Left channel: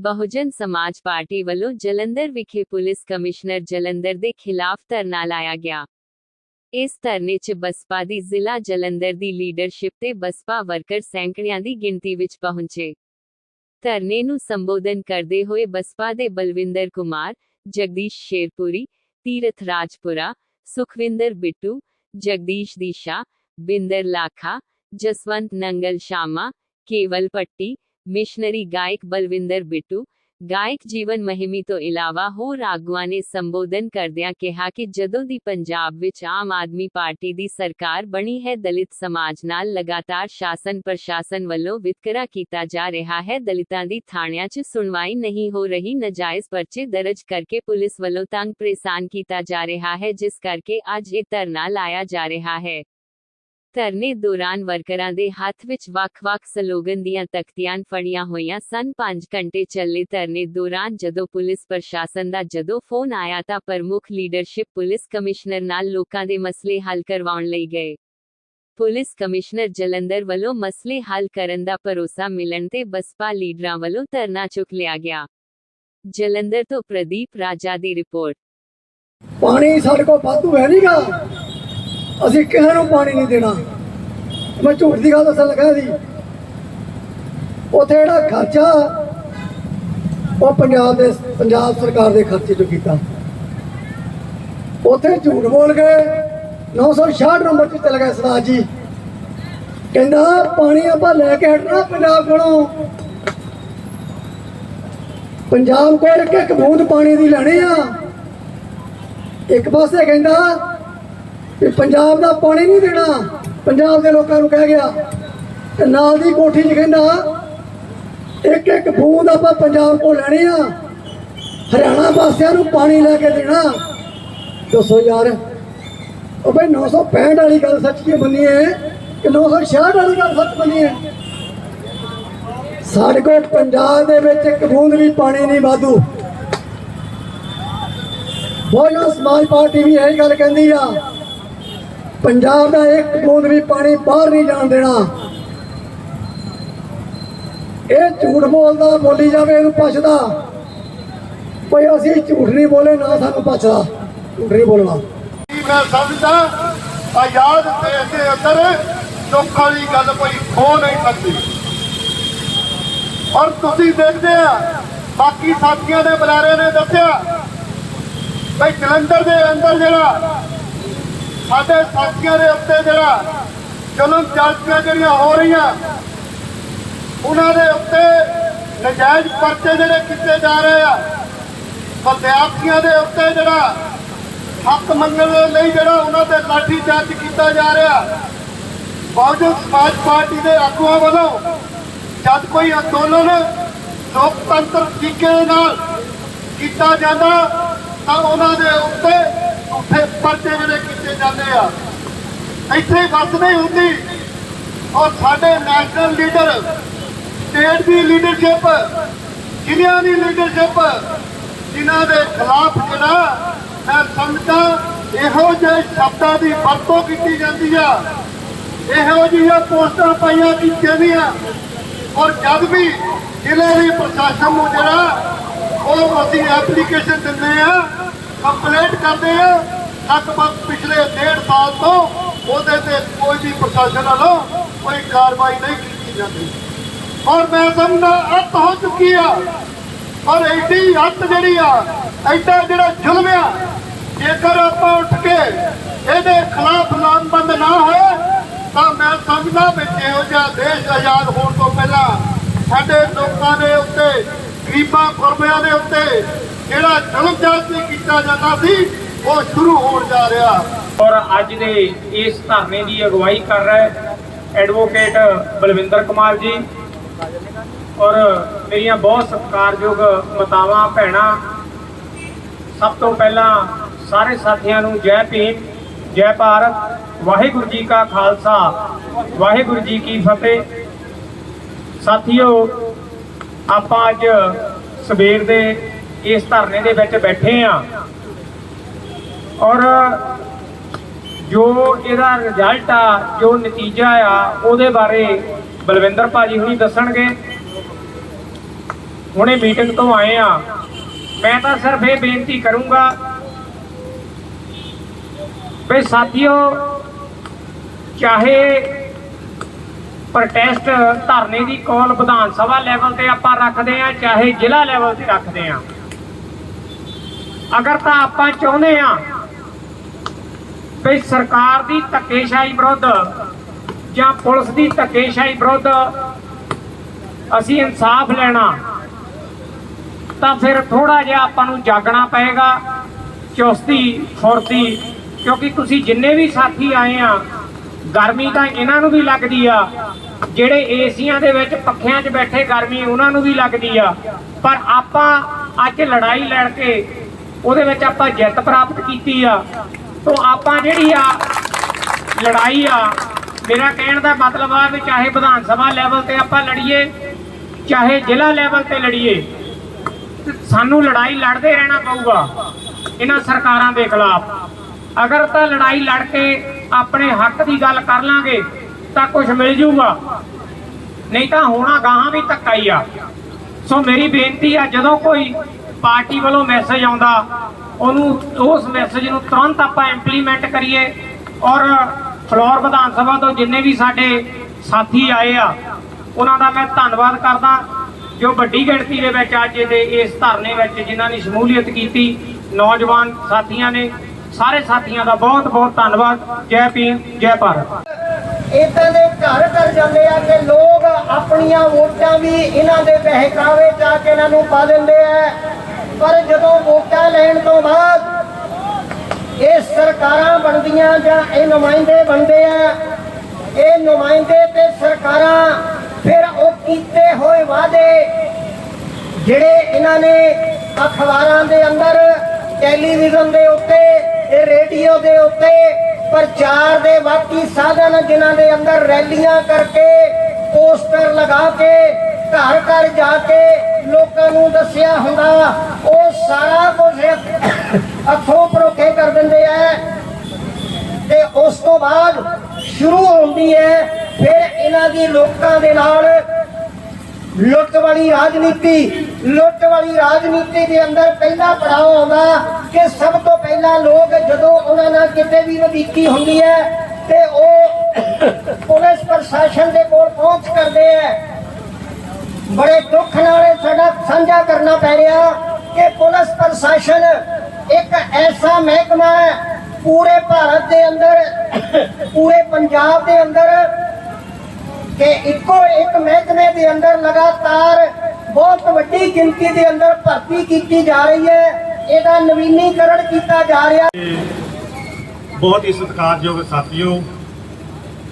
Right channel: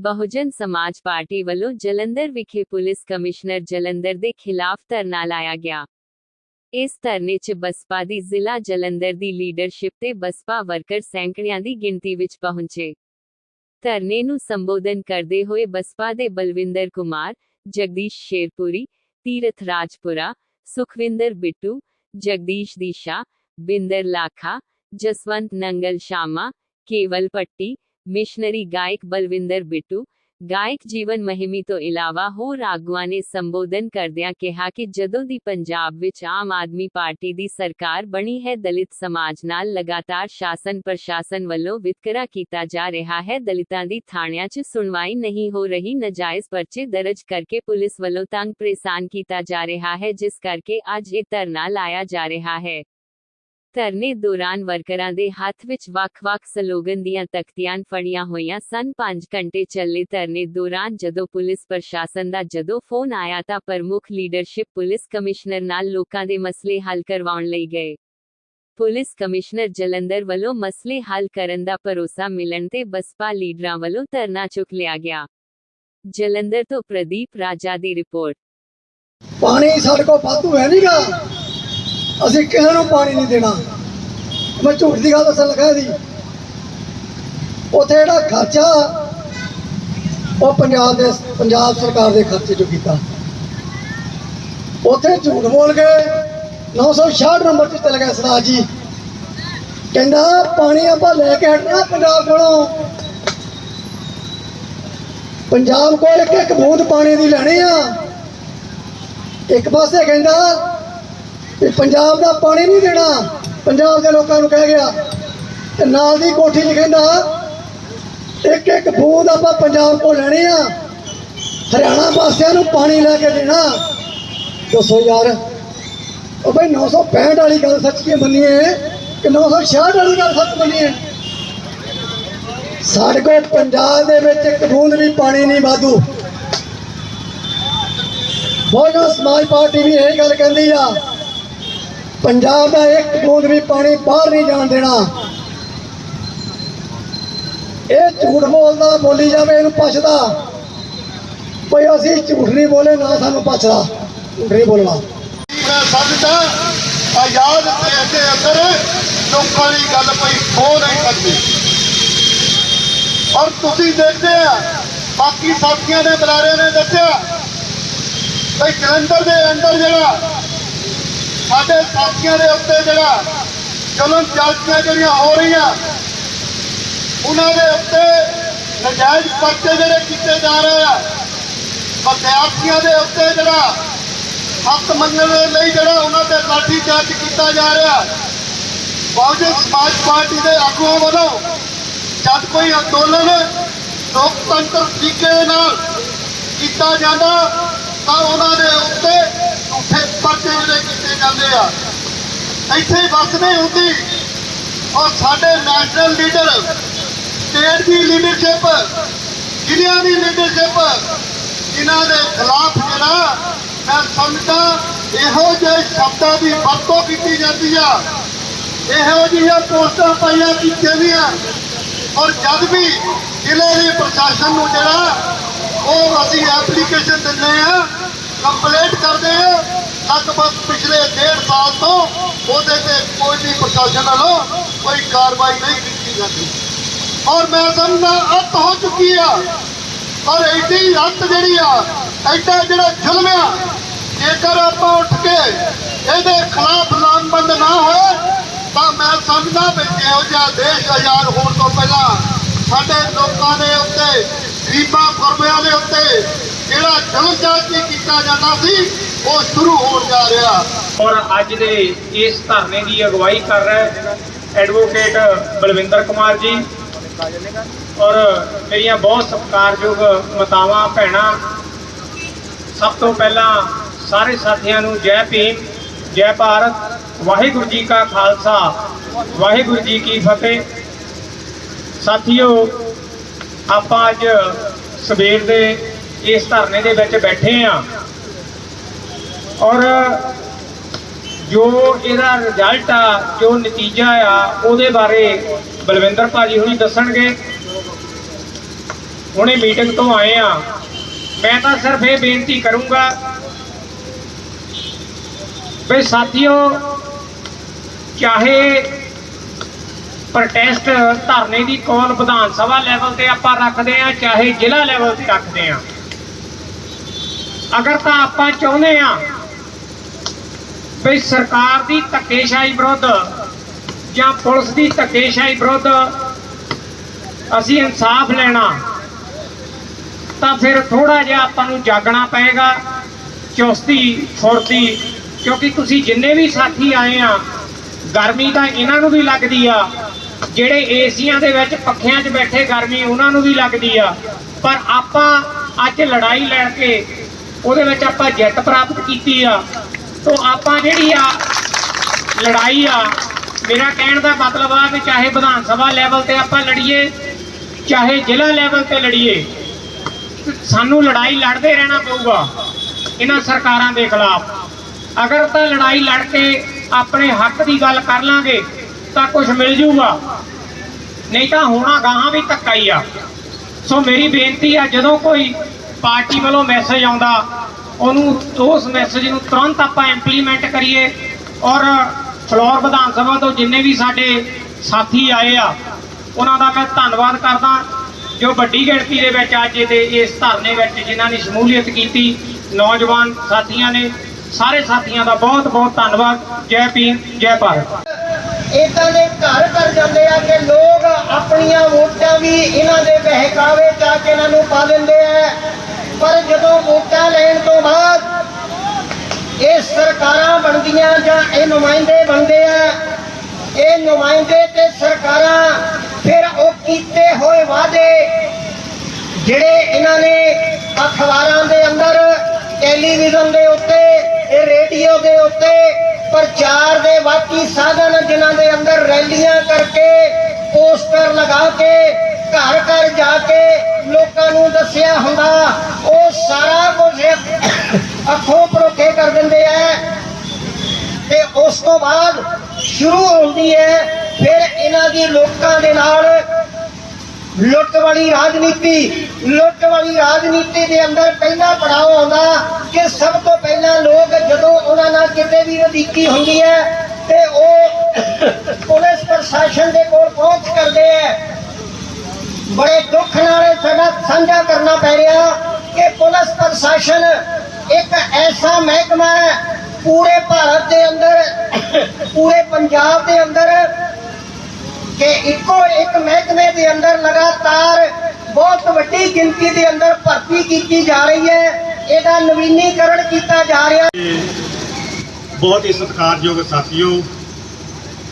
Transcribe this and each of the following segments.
ਬਹੁਜਨ ਸਮਾਜ ਪਾਰਟੀ ਵੱਲੋਂ ਜਲੰਧਰ ਵਿਖੇ ਪੁਲਿਸ ਕਮਿਸ਼ਨਰ ਜਲੰਧਰ ਦੇ ਖਿਲਾਫ ਧਰਨਾ ਲਾਇਆ ਗਿਆ। ਇਸ ਧਰਨੇ 'ਚ ਬਸਪਾ ਦੀ ਜ਼ਿਲ੍ਹਾ ਜਲੰਧਰ ਦੀ ਲੀਡਰਸ਼ਿਪ ਤੇ ਬਸਪਾ ਵਰਕਰ ਸੈਂਕੜਿਆਂ ਦੀ ਗਿਣਤੀ ਵਿੱਚ ਪਹੁੰਚੇ। ਧਰਨੇ ਨੂੰ ਸੰਬੋਧਨ ਕਰਦੇ ਹੋਏ ਬਸਪਾ ਦੇ ਬਲਵਿੰਦਰ ਕੁਮਾਰ, ਜਗਦੀਸ਼ ਸ਼ੇਰਪੁਰੀ, ਤੀਰਥ ਰਾਜਪੁਰਾ, ਸੁਖਵਿੰਦਰ ਬਿੱਟੂ, ਜਗਦੀਸ਼ ਦੀਸ਼ਾ, ਬਿੰਦਰ ਲਾਖਾ, ਜਸਵੰਤ ਨੰਗਲ ਸ਼ਾਮਾ, ਕੇਵਲ ਪੱਟੀ ਮਿਸ਼ਨਰੀ ਗਾਇਕ ਬਲਵਿੰਦਰ ਬਿੱਟੂ ਗਾਇਕ ਜੀਵਨ ਮਹਿਮੀ ਤੋਂ ਇਲਾਵਾ ਹੋਰ ਆਗੂਆਂ ਨੇ ਸੰਬੋਧਨ ਕਰਦਿਆਂ ਕਿਹਾ ਕਿ ਜਦੋਂ ਦੀ ਪੰਜਾਬ ਵਿੱਚ ਆਮ ਆਦਮੀ ਪਾਰਟੀ ਦੀ ਸਰਕਾਰ ਬਣੀ ਹੈ, ਦਲਿਤ ਸਮਾਜ ਨਾਲ ਲਗਾਤਾਰ ਸ਼ਾਸਨ ਪ੍ਰਸ਼ਾਸਨ ਵੱਲੋਂ ਵਿਤਕਰਾ ਕੀਤਾ ਜਾ ਰਿਹਾ ਹੈ। ਦਲਿਤਾਂ ਦੀ ਥਾਣਿਆਂ 'ਚ ਸੁਣਵਾਈ ਨਹੀਂ ਹੋ ਰਹੀ, ਨਜਾਇਜ਼ ਪਰਚੇ ਦਰਜ ਕਰਕੇ ਪੁਲਿਸ ਵੱਲੋਂ ਤੰਗ ਪਰੇਸ਼ਾਨ ਕੀਤਾ ਜਾ ਰਿਹਾ ਹੈ, ਜਿਸ ਕਰਕੇ ਅੱਜ ਇਹ ਧਰਨਾ ਲਾਇਆ ਜਾ ਰਿਹਾ ਹੈ। ਧਰਨੇ ਦੌਰਾਨ ਵਰਕਰਾਂ ਦੇ ਹੱਥ ਵਿੱਚ ਵੱਖ-ਵੱਖ ਸਲੋਗਨ ਦੀਆਂ ਤਖਤੀਆਂ ਫੜੀਆਂ ਹੋਈਆਂ ਸਨ। 5 ਘੰਟੇ ਚੱਲੇ ਧਰਨੇ ਦੌਰਾਨ ਜਦੋਂ ਪੁਲਿਸ ਪ੍ਰਸ਼ਾਸਨ ਦਾ ਜਦੋਂ ਫੋਨ ਆਇਆ ਤਾਂ ਪ੍ਰਮੁੱਖ ਲੀਡਰਸ਼ਿਪ ਪੁਲਿਸ ਕਮਿਸ਼ਨਰ ਨਾਲ ਲੋਕਾਂ ਦੇ ਮਸਲੇ ਹੱਲ ਕਰਵਾਉਣ ਲਈ ਗਏ। ਪੁਲਿਸ ਕਮਿਸ਼ਨਰ ਜਲੰਧਰ ਵੱਲੋਂ ਮਸਲੇ ਹੱਲ ਕਰਨ ਦਾ ਭਰੋਸਾ ਮਿਲਣ ਤੇ ਬਸਪਾ ਲੀਡਰਾਂ ਵੱਲੋਂ ਧਰਨਾ ਚੁੱਕ ਲਿਆ ਗਿਆ। ਜਲੰਧਰ ਤੋਂ ਪ੍ਰਦੀਪ ਰਾਜਾ ਦੀ ਰਿਪੋਰਟ। ਪਾਣੀ ਸਾਡੇ ਕੋਲ ਵਾਧੂ ਹੈ ਨਹੀਂਗਾ ਅਸੀਂ ਕਿਸੇ ਨੂੰ ਪਾਣੀ ਨਹੀਂ ਦੇਣਾ। ਮੈਂ ਝੂਠ ਦੀ ਗੱਲ ਦੱਸਣ ਲੱਗਾ ਜੀ ਉੱਥੇ ਜਿਹੜਾ ਖਰਚਾ, ਉਹ ਪੰਜਾਬ ਦੇ, ਪੰਜਾਬ ਸਰਕਾਰ ਦੇ ਖਰਚੇ ਤੋਂ ਕੀਤਾ। ਉੱਥੇ ਝੂਠ ਬੋਲ ਕੇ 966 ਨੰਬਰ ਤੇ ਚਲੇ ਗਏ ਸਰਦਾਰ ਜੀ। ਕਹਿੰਦਾ, ਪਾਣੀ ਆਪਾਂ ਲੈ ਕੇ ਹਟਣਾ ਪੰਜਾਬ ਕੋਲੋਂ। ਪੰਜਾਬ ਕੋਲ ਇੱਕ ਇੱਕ ਬੂੰਦ ਪਾਣੀ ਦੀ ਲੈਣੀ ਆ। ਇੱਕ ਪਾਸੇ ਕਹਿੰਦਾ ਵੀ ਪੰਜਾਬ ਦਾ ਪਾਣੀ ਨਹੀਂ ਦੇਣਾ। ਪੰਜਾਬ ਦੇ ਲੋਕਾਂ ਨੂੰ ਕਹਿ ਗਿਆ। ਤੇ ਨਾਲ ਦੀ ਕੋਠੀ 'ਚ ਕਹਿੰਦਾ, ਇੱਕ ਇੱਕ ਬੂੰਦ ਆਪਾਂ ਪੰਜਾਬ ਕੋਲ ਲੈਣੀ ਆ। ਹਰਿਆਣਾ ਵਾਸੀਆਂ ਨੂੰ ਪਾਣੀ ਲੈ ਕੇ ਦੇਣਾ। ਦੱਸੋ ਯਾਰ, ਉਹ ਬਈ 965 ਵਾਲੀ ਗੱਲ ਸੱਚ ਕੀ ਮੰਨੀਏ ਕਿ 966 ਵਾਲੀ ਗੱਲ ਸੱਚ ਮੰਨੀਏ ਸਾਡੇ ਕੋਲ ਪੰਜਾਬ ਦੇ ਵਿੱਚ ਇੱਕ ਬੂੰਦ ਵੀ ਪਾਣੀ ਨਹੀਂ ਵਾਧੂ। ਬਹੁਜਨ ਸਮਾਜ ਪਾਰਟੀ ਵੀ ਇਹ ਗੱਲ ਕਹਿੰਦੀ ਆ ਪੰਜਾਬ ਦਾ ਇੱਕ ਬੂੰਦ ਵੀ ਪਾਣੀ ਬਾਹਰ ਨਹੀਂ ਜਾਣ ਦੇਣਾ। ਇਹ ਝੂਠ ਬੋਲਦਾ, ਬੋਲੀ ਜਾਵੇ, ਇਹਨੂੰ ਪੁੱਛਦਾ। ਕੋਈ ਅਸੀਂ ਝੂਠ ਨਹੀਂ ਬੋਲੇ, ਨਾ ਸਾਨੂੰ ਪੁੱਛਦਾ। ਝੂਠ ਨਹੀਂ ਬੋਲਣਾ। ਮੈਂ ਸਮਝਦਾ ਆਜ਼ਾਦ ਦੇਸ਼ ਦੇ ਅੰਦਰ ਲੋਕਾਂ ਦੀ ਗੱਲ ਕੋਈ ਹੋ ਨਹੀਂ ਸਕਦੀ। ਔਰ ਤੁਸੀਂ ਦੇਖਦੇ ਆ, ਬਾਕੀ ਸਾਥੀਆਂ ਦੇ ਬੁਲਾਰੇ ਨੇ ਦੱਸਿਆ ਕਿ ਜਲੰਧਰ ਦੇ ਅੰਦਰ ਜਿਹੜਾ ਸਾਡੇ ਸਾਥੀਆਂ ਦੇ ਉੱਤੇ ਜਿਹੜਾ ਜਲਨ ਚਾਲਕੀਆਂ ਜਿਹੜੀਆਂ ਹੋ ਰਹੀਆਂ, ਉਹਨਾਂ ਦੇ ਉੱਤੇ ਨਜਾਇਜ਼ ਪਰਚੇ ਜਿਹੜੇ ਕੀਤੇ ਜਾ ਰਹੇ ਆ। ਵਿਦਿਆਰਥੀਆਂ ਦੇ ਉੱਤੇ ਜਿਹੜਾ ਹੱਕ ਮੰਗਣ ਦੇ ਲਈ ਜਿਹੜਾ ਉਹਨਾਂ ਤੇ ਲਾਠੀ ਚਾਰਜ ਕੀਤਾ ਜਾ ਰਿਹਾ। ਬਹੁਜਨ ਸਮਾਜ ਪਾਰਟੀ ਦੇ ਆਗੂਆਂ ਵੱਲੋਂ ਜਦ ਕੋਈ ਅੰਦੋਲਨ ਲੋਕਤੰਤਰ ਤਰੀਕੇ ਨਾਲ ਕੀਤਾ ਜਾਂਦਾ, ਤਾਂ ਉਹਨਾਂ ਦੇ ਉੱਤੇ ਪਰਚੇ ਜਿਹੜੇ ਕੀਤੇ ਜਾਂਦੇ ਆ, ਇੱਥੇ ਬਸ ਨਹੀਂ ਹੁੰਦੀ। ਔਰ ਸਾਡੇ ਨੈਸ਼ਨਲ ਲੀਡਰ ਸਟੇਟ ਦੀ ਲੀਡਰਸ਼ਿਪ ਜ਼ਿਲ੍ਹਿਆਂ ਦੀ ਲੀਡਰਸ਼ਿਪ ਜਿਨ੍ਹਾਂ ਦੇ ਖਿਲਾਫ ਜਿਹੜਾ, ਮੈਂ ਸਮਝਦਾ, ਇਹੋ ਜਿਹੇ ਸ਼ਬਦਾਂ ਦੀ ਵਰਤੋਂ ਕੀਤੀ ਜਾਂਦੀ ਆ। ਇਹੋ ਜਿਹੀਆਂ ਪੋਸਟਾਂ ਪਾਈਆਂ ਕੀਤੀਆਂ ਦੀਆਂ ਔਰ ਜਦ ਵੀ ਜ਼ਿਲ੍ਹੇ ਦੇ ਪ੍ਰਸ਼ਾਸਨ ਨੂੰ ਜਿਹੜਾ, ਉਹ ਅਸੀਂ ਐਪਲੀਕੇਸ਼ਨ ਦਿੰਦੇ ਆ ਕੰਪਲੇਂਟ ਕਰਦੇ ਆ ਲਗਭਗ ਪਿਛਲੇ ਡੇਢ ਸਾਲ ਤੋਂ ਉਹਦੇ ਤੇ ਕੋਈ ਵੀ ਪ੍ਰਸ਼ਾਸਨ ਵੱਲੋਂ ਕੋਈ ਕਾਰਵਾਈ ਨਹੀਂ ਕੀਤੀ ਜਾਂਦੀ। ਔਰ ਮੈਂ ਸਮਝਦਾ ਅੱਤ ਹੋ ਚੁੱਕੀ ਆ ਔਰ ਐਡੀ ਰੱਤ ਜਿਹੜੀ ਆ, ਐਡਾ ਜਿਹੜਾ ਜ਼ੁਲਮ ਆ, ਜੇਕਰ ਆਪਾਂ ਉੱਠ ਕੇ ਇਹਦੇ ਖਿਲਾਫ ਲਾਮਬੰਦ ਨਾ ਹੋਏ, ਤਾਂ ਮੈਂ ਸਮਝਦਾ ਵੀ ਜਿਹੋ ਜਿਹਾ ਦੇਸ਼ ਆਜ਼ਾਦ ਹੋਣ ਤੋਂ ਪਹਿਲਾਂ ਸਾਡੇ ਲੋਕਾਂ ਦੇ ਉੱਤੇ, ਗਰੀਬਾਂ ਗੁਰਬਿਆਂ ਦੇ ਉੱਤੇ ਜਿਹੜਾ ਜ਼ੁਲਮ ਜਾਤੀ ਕੀਤਾ ਜਾਂਦਾ ਸੀ ਉਹ ਸ਼ੁਰੂ ਹੋਣ ਜਾ ਰਿਹਾ। ਔਰ ਅੱਜ ਦੇ ਇਸ ਧਰਨੇ ਦੀ ਅਗਵਾਈ ਕਰ ਰਿਹਾ ਹੈ ਐਡਵੋਕੇਟ ਬਲਵਿੰਦਰ ਕੁਮਾਰ ਜੀ। ਔਰ ਮੇਰੀਆਂ ਬਹੁਤ ਸਤਿਕਾਰਯੋਗ ਮਾਤਾਵਾਂ, ਭੈਣਾਂ, ਸਭ ਤੋਂ ਪਹਿਲਾਂ ਸਾਰੇ ਸਾਥੀਆਂ ਨੂੰ ਜੈ ਭੀਮ, ਜੈ ਭਾਰਤ, ਵਾਹਿਗੁਰੂ ਜੀ ਕਾ ਖਾਲਸਾ, ਵਾਹਿਗੁਰੂ ਜੀ ਕੀ ਫਤਿਹ। ਸਾਥੀਓ, ਆਪਾਂ ਅੱਜ ਸਵੇਰ ਦੇ ਇਸ ਧਰਨੇ ਦੇ ਵਿੱਚ ਬੈਠੇ ਆ ਔਰ ਜੋ ਇਹਦਾ ਰਿਜ਼ਲਟ ਆ, ਜੋ ਨਤੀਜਾ ਆ, ਉਹਦੇ ਬਾਰੇ ਬਲਵਿੰਦਰ ਭਾਜੀ ਹੁਣੀ ਦੱਸਣਗੇ। ਹੁਣੇ ਮੀਟਿੰਗ ਤੋਂ ਆਏ ਆ। ਮੈਂ ਤਾਂ ਸਿਰਫ ਇਹ ਬੇਨਤੀ ਕਰੂੰਗਾ ਵੀ ਸਾਥੀਓ, ਚਾਹੇ ਪ੍ਰੋਟੈਸਟ ਧਰਨੇ ਦੀ ਕਾਲ ਵਿਧਾਨ ਸਭਾ ਲੈਵਲ ਤੇ ਆਪਾਂ ਰੱਖਦੇ ਆ, ਚਾਹੇ ਜ਼ਿਲ੍ਹਾ ਲੈਵਲ ਤੇ ਰੱਖਦੇ ਆ। ਅਗਰ ਤਾਂ ਆਪਾਂ ਚਾਹੁੰਦੇ ਆ ਵੀ ਸਰਕਾਰ ਦੀ ਧੱਕੇਸ਼ਾਹੀ ਵਿਰੁੱਧ ਜਾਂ ਪੁਲਿਸ ਦੀ ਧੱਕੇਸ਼ਾਹੀ ਵਿਰੁੱਧ ਅਸੀਂ ਇਨਸਾਫ ਲੈਣਾ, ਤਾਂ ਫਿਰ ਥੋੜਾ ਜਿਹਾ ਆਪਾਂ ਨੂੰ ਜਾਗਣਾ ਪਏਗਾ, ਚੁਸਤੀ, ਫੁਰਤੀ, ਕਿਉਂਕਿ ਤੁਸੀਂ ਜਿੰਨੇ ਵੀ ਸਾਥੀ ਆਏ ਆ, ਗਰਮੀ ਤਾਂ ਇਹਨਾਂ ਨੂੰ ਵੀ ਲੱਗਦੀ ਆ, ਜਿਹੜੇ ਏਸੀਆਂ ਦੇ ਵਿੱਚ ਪੱਖਿਆਂ 'ਚ ਬੈਠੇ ਗਰਮੀ ਉਹਨਾਂ ਨੂੰ ਵੀ ਲੱਗਦੀ ਆ, ਪਰ ਆਪਾਂ ਅੱਜ ਲੜਾਈ ਲੜ ਕੇ ਉਹਦੇ ਵਿੱਚ ਆਪਾਂ ਜਿੱਤ ਪ੍ਰਾਪਤ ਕੀਤੀ ਆ ਤੋਂ ਆਪਾਂ ਜਿਹੜੀ ਆ ਲੜਾਈ ਆ, ਮੇਰਾ ਕਹਿਣ ਦਾ ਮਤਲਬ ਆ ਵੀ ਚਾਹੇ ਵਿਧਾਨ ਸਭਾ ਲੈਵਲ ਤੇ ਆਪਾਂ ਲੜੀਏ, ਚਾਹੇ ਜ਼ਿਲ੍ਹਾ ਲੈਵਲ ਤੇ ਲੜੀਏ, ਸਾਨੂੰ ਲੜਾਈ ਲੜਦੇ ਰਹਿਣਾ ਪਊਗਾ, ਇਹਨਾਂ ਸਰਕਾਰਾਂ ਦੇ ਖਿਲਾਫ। ਅਗਰ ਤਾਂ ਲੜਾਈ ਲੜ ਕੇ ਆਪਣੇ ਹੱਕ ਦੀ ਗੱਲ ਕਰ ਲਾਂਗੇ, ਤਾਂ ਕੁਝ ਮਿਲ ਜੂਗਾ। ਨਹੀਂ ਤਾਂ ਹੋਣਾ ਗਾਹਾਂ ਵੀ ਧੱਕਾ ਹੀ ਆ। ਸੋ ਮੇਰੀ ਬੇਨਤੀ ਆ, ਜਦੋਂ ਕੋਈ ਪਾਰਟੀ ਵੱਲੋਂ ਮੈਸੇਜ ਆਉਂਦਾ ਉਹਨੂੰ ਉਸ ਮੈਸੇਜ ਨੂੰ ਤੁਰੰਤ ਆਪਾਂ ਇੰਪਲੀਮੈਂਟ ਕਰੀਏ ਔਰ ਫਲੋਰ ਵਿਧਾਨ ਸਭਾ ਤੋਂ ਜਿੰਨੇ ਵੀ ਸਾਡੇ ਸਾਥੀ ਆਏ ਆ, ਉਹਨਾਂ ਦਾ ਮੈਂ ਧੰਨਵਾਦ ਕਰਦਾ। ਜੋ ਵੱਡੀ ਗਿਣਤੀ ਦੇ ਵਿੱਚ ਅੱਜ ਦੇ ਇਸ ਧਰਨੇ ਵਿੱਚ ਜਿਨ੍ਹਾਂ ਨੇ ਸ਼ਮੂਲੀਅਤ ਕੀਤੀ, ਨੌਜਵਾਨ ਸਾਥੀਆਂ ਨੇ, ਸਾਰੇ ਸਾਥੀਆਂ ਦਾ ਬਹੁਤ ਬਹੁਤ ਧੰਨਵਾਦ। ਜੈ ਭੀਮ, ਜੈ ਭਾਰਤ। ਇਦਾਂ ਦੇ ਘਰ ਘਰ ਜਾਂਦੇ ਆ ਕਿ ਲੋਕ ਆਪਣੀਆਂ ਵੋਟਾਂ ਵੀ ਇਹਨਾਂ ਦੇ ਬਹਿਕਾਵੇ ਚ ਆ ਕੇ ਇਹਨਾਂ ਨੂੰ ਪਾ ਦਿੰਦੇ ਆ। ਪਰ ਜਦੋਂ ਵੋਟਾਂ ਲੈਣ ਤੋਂ ਬਾਅਦ ਇਹ ਸਰਕਾਰਾਂ ਬਣਦੀਆਂ ਜਾਂ ਇਹ ਨੁਮਾਇੰਦੇ ਬਣਦੇ ਆ, ਇਹ ਨੁਮਾਇੰਦੇ ਤੇ ਸਰਕਾਰਾਂ ਫਿਰ ਉਹ ਕੀਤੇ ਹੋਏ ਵਾਅਦੇ ਜਿਹੜੇ ਇਹਨਾਂ ਨੇ ਅਖਬਾਰਾਂ ਦੇ ਅੰਦਰ, ਟੈਲੀਵਿਜ਼ਨ ਦੇ ਉੱਤੇ, ਇਹ ਰੇਡੀਓ ਦੇ ਉੱਤੇ, ਪ੍ਰਚਾਰ ਦੇ ਬਾਕੀ ਸਾਧਨ ਜਿਨ੍ਹਾਂ ਦੇ ਅੰਦਰ ਰੈਲੀਆਂ ਕਰਕੇ, ਪੋਸਟਰ ਲਗਾ ਕੇ, ਘਰ ਘਰ ਜਾ ਕੇ ਲੋਕਾਂ ਨੂੰ ਦੱਸਿਆ ਹੁੰਦਾ, ਉਹ ਸਾਰਾ ਕੁਝ ਅੱਖੋਂ ਪਰੋਖੇ ਕਰ ਦਿੰਦੇ ਆ। ਤੇ ਉਸ ਤੋਂ ਬਾਅਦ ਸ਼ੁਰੂ ਹੁੰਦੀ ਹੈ, ਫਿਰ ਇਹਨਾਂ ਦੀ ਲੋਕਾਂ ਦੇ ਨਾਲ ਲੁੱਟ ਵਾਲੀ ਰਾਜਨੀਤੀ। ਲੁੱਟ ਵਾਲੀ ਰਾਜਨੀਤੀ ਦੇ ਅੰਦਰ ਪਹਿਲਾ ਪੜਾਅ ਆਉਂਦਾ ਕਿ ਸਭ ਤੋਂ ਪਹਿਲਾਂ ਲੋਕ ਜਦੋਂ ਉਹਨਾਂ ਨਾਲ ਕਿਤੇ ਵੀ ਵਧੀਕੀ ਹੁੰਦੀ ਹੈ, ਤੇ ਉਹ ਪੁਲਿਸ ਪ੍ਰਸ਼ਾਸਨ ਦੇ ਕੋਲ ਪਹੁੰਚ ਕਰਦੇ ਹੈ। ਬੜੇ ਦੁੱਖ ਨਾਲ ਸਾਡਾ ਸਾਂਝਾ ਕਰਨਾ ਪੈ ਰਿਹਾ ਕਿ ਪੁਲਿਸ ਪ੍ਰਸ਼ਾਸਨ ਇੱਕ ਐਸਾ ਮਹਿਕਮਾ ਹੈ, ਪੂਰੇ ਭਾਰਤ ਦੇ ਅੰਦਰ, ਪੂਰੇ ਪੰਜਾਬ ਦੇ ਅੰਦਰ, ਕਿ ਇੱਕੋ ਇੱਕ ਮਹਿਕਮੇ ਦੇ ਅੰਦਰ ਲਗਾਤਾਰ ਬਹੁਤ ਵੱਡੀ ਗਿਣਤੀ ਦੇ ਅੰਦਰ ਭਰਤੀ ਕੀਤੀ ਜਾ ਰਹੀ ਹੈ। ਇਹਦਾ ਨਵੀਨੀਕਰਨ ਕੀਤਾ ਜਾ ਰਿਹਾ। ਬਹੁਤ ਹੀ ਸਤਿਕਾਰਯੋਗ ਸਾਥੀਓ,